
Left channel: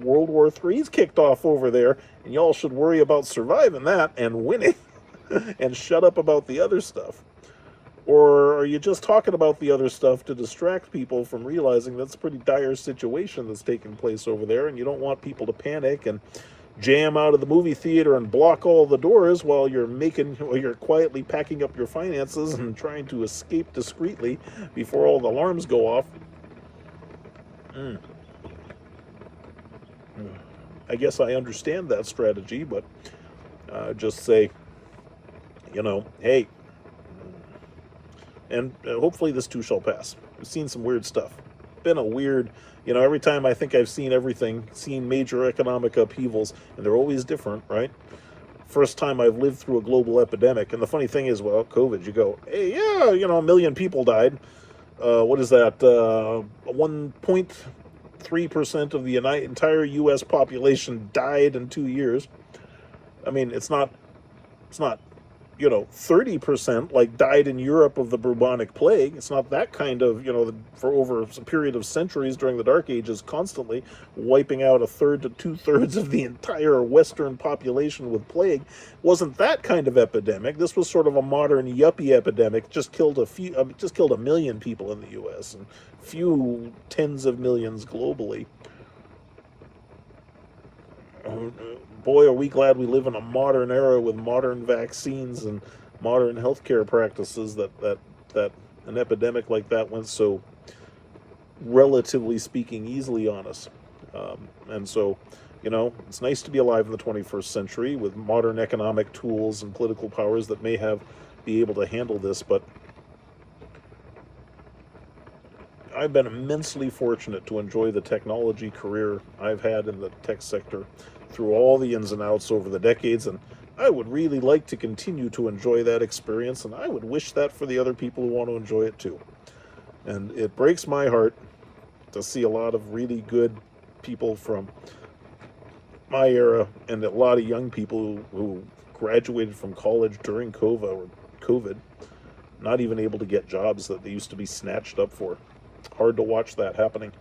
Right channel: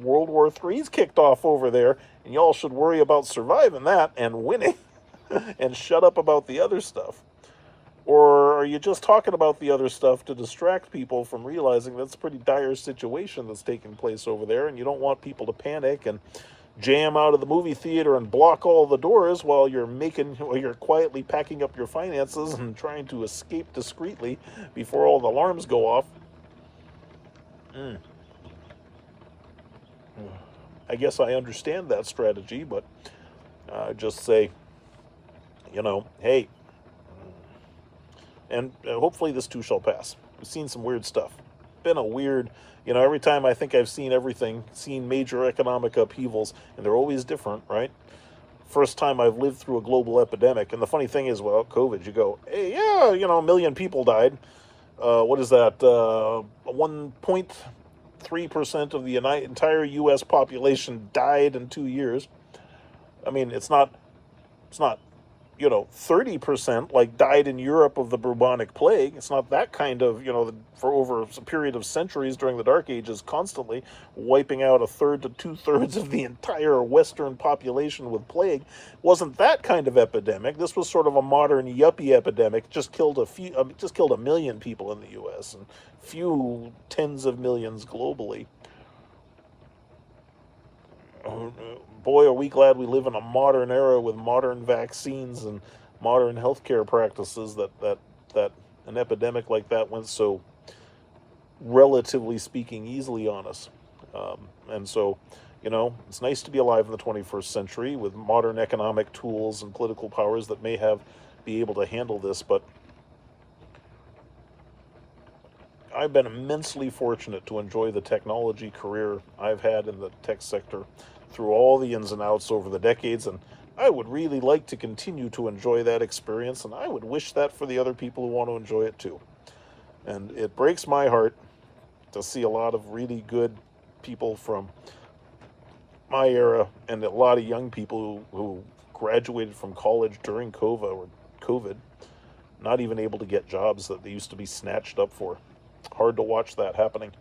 World War III's kicked off over there, and y'all should worry about surviving that and winning, and shut up about the other stuff. Or are you just talking about the other stuff to distract people from realizing that's a pretty dire situation that's taking place over there, and you don't want people to panic and jam out of the movie theater and block all the doors while you're quietly packing up your finances and trying to escape discreetly before all the alarms go off. Mm. I guess I understand that strategy, but just say, hey, and hopefully this too shall pass. We've seen some weird stuff. Been a weird, every time I think I've seen major economic upheavals, and they're always different, right? First time I've lived through a global epidemic, and the funny thing is, well, COVID, you go, hey, yeah, a million people died. What is that? 1.3% of the entire U.S. population died in 2 years. I mean, it's not 30% like died in Europe of the bubonic plague. It's not that kind of, for over a period of centuries during the Dark Ages, constantly wiping out a third to two-thirds of the entire Western population with plague. Wasn't that kind of epidemic. This was sort of a modern yuppie epidemic. Just killed a million people in the U.S. and few tens of millions globally. Boy, are we glad we live in a modern era with modern vaccines and modern healthcare practices that an epidemic like that went so, relatively speaking, easily on us. And so, it's nice to be alive in the 21st century with modern economic tools and political powers that may be able to handle this, but I've been immensely fortunate to enjoy the technology career I've had in the tech sector through all the ins and outs over the decades, and I would really like to continue to enjoy that experience, and I would wish that for the other people who want to enjoy it too. And it breaks my heart to see a lot of really good people from my era and a lot of young people who graduated from college during COVID, not even able to get jobs that they used to be snatched up for. Hard to watch that happening.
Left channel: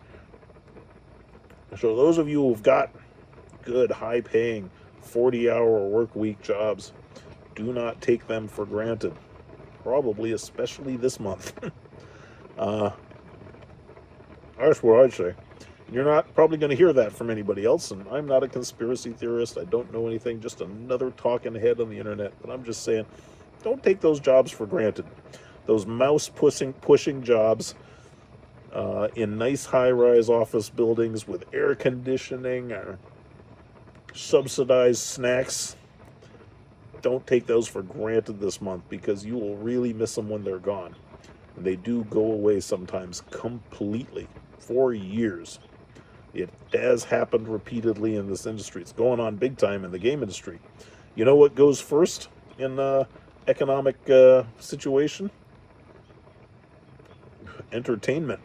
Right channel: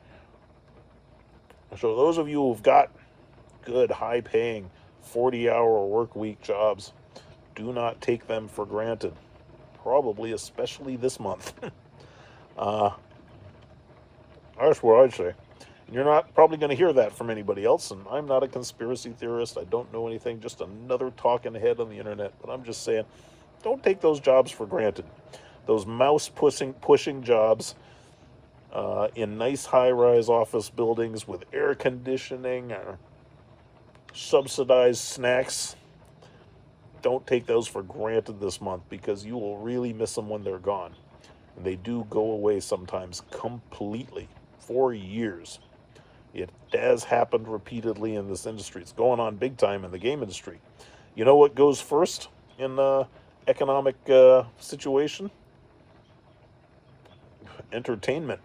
So those of you who've got good, high-paying, 40-hour work week jobs, do not take them for granted. Probably, especially this month. That's what I'd say. You're not probably going to hear that from anybody else, and I'm not a conspiracy theorist. I don't know anything, just another talking head on the internet. But I'm just saying, don't take those jobs for granted. Those mouse-pushing jobs in nice high-rise office buildings with air conditioning or subsidized snacks. Don't take those for granted this month, because you will really miss them when they're gone. And they do go away sometimes completely for years. It has happened repeatedly in this industry. It's going on big time in the game industry. You know what goes first in economic situation? Entertainment.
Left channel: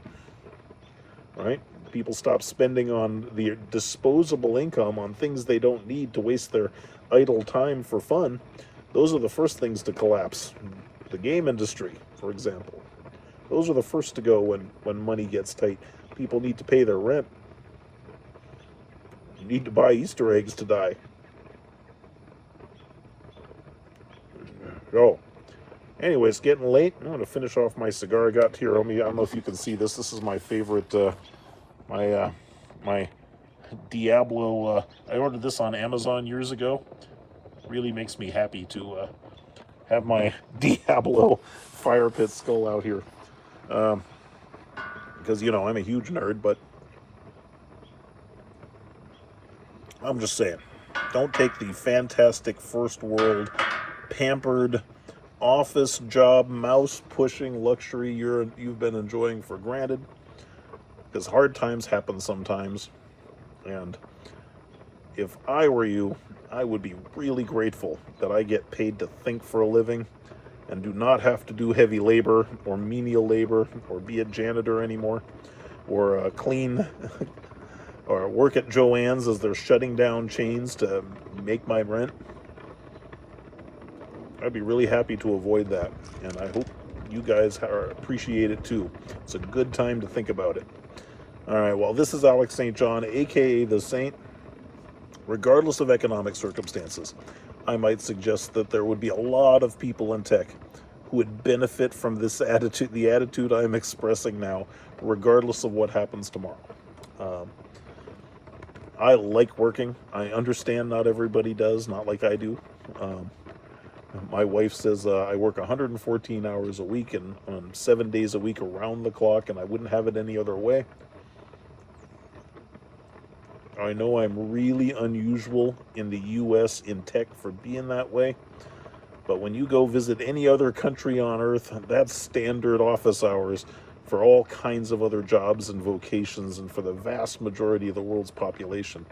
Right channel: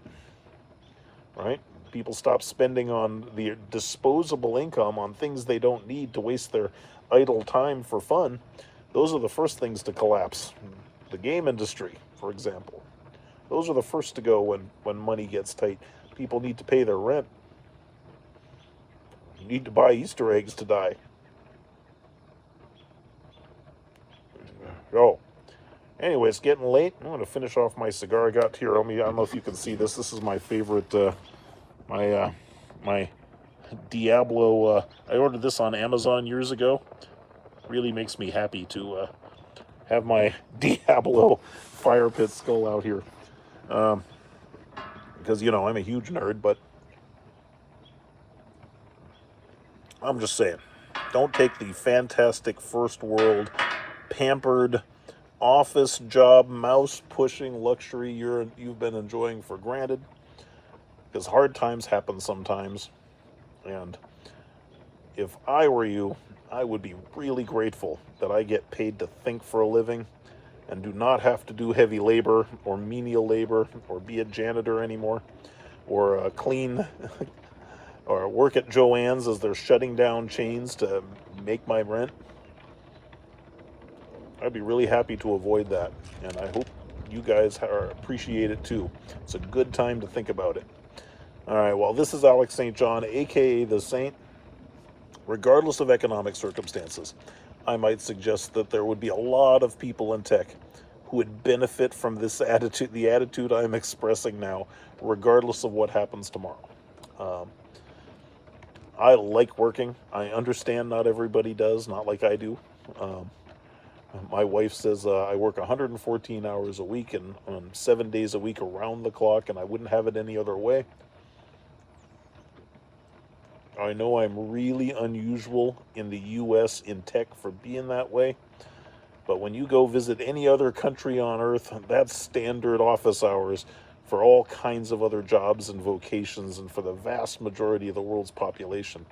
Right? People stop spending on the disposable income on things they don't need to waste their idle time for fun. Those are the first things to collapse. The game industry, for example. Those are the first to go when money gets tight. People need to pay their rent. You need to buy Easter eggs to die. Oh. Anyway, it's getting late. I'm going to finish off my cigar I got here. I don't know if you can see this. This is my favorite, my Diablo. I ordered this on Amazon years ago. Really makes me happy to have my Diablo fire pit skull out here. Because, I'm a huge nerd, but I'm just saying, don't take the fantastic first world, pampered, office job, mouse-pushing luxury you've been enjoying for granted, because hard times happen sometimes. And if I were you, I would be really grateful that I get paid to think for a living and do not have to do heavy labor or menial labor or be a janitor anymore or clean or work at Joann's as they're shutting down chains to make my rent. I'd be really happy to avoid that, and I hope you guys appreciate it too. It's a good time to think about it. All right, well, this is Alex St. John, aka The Saint. Regardless of economic circumstances, I might suggest that there would be a lot of people in tech who would benefit from this attitude, the attitude I'm expressing now, regardless of what happens tomorrow. I like working. I understand not everybody does, not like I do. Um, my wife says I work 114 hours a week and 7 days a week around the clock, and I wouldn't have it any other way. I know I'm really unusual in the US in tech for being that way, but when you go visit any other country on earth, that's standard office hours for all kinds of other jobs and vocations and for the vast majority of the world's population,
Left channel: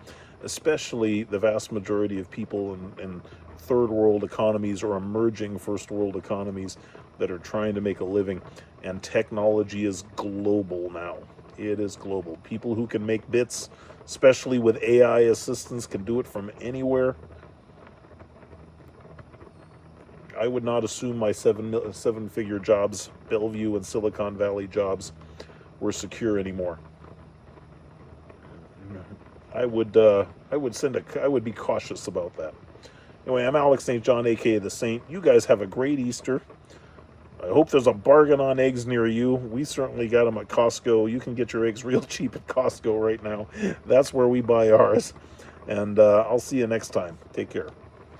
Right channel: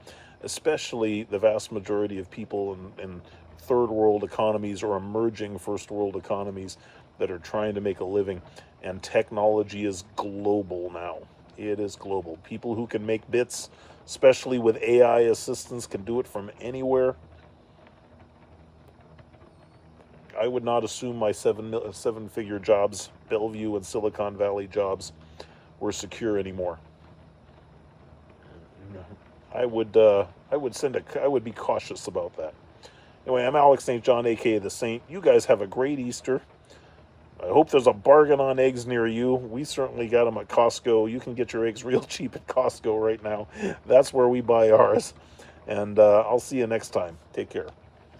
especially the vast majority of people in third world economies or emerging first world economies that are trying to make a living. And technology is global now. It is global. People who can make bits, especially with AI assistance, can do it from anywhere. I would not assume my seven figure jobs, Bellevue and Silicon Valley jobs, were secure anymore. I would be cautious about that. Anyway, I'm Alex St. John, aka the Saint. You guys have a great Easter. I hope there's a bargain on eggs near you. We certainly got them at Costco. You can get your eggs real cheap at Costco right now. That's where we buy ours. And I'll see you next time. Take care.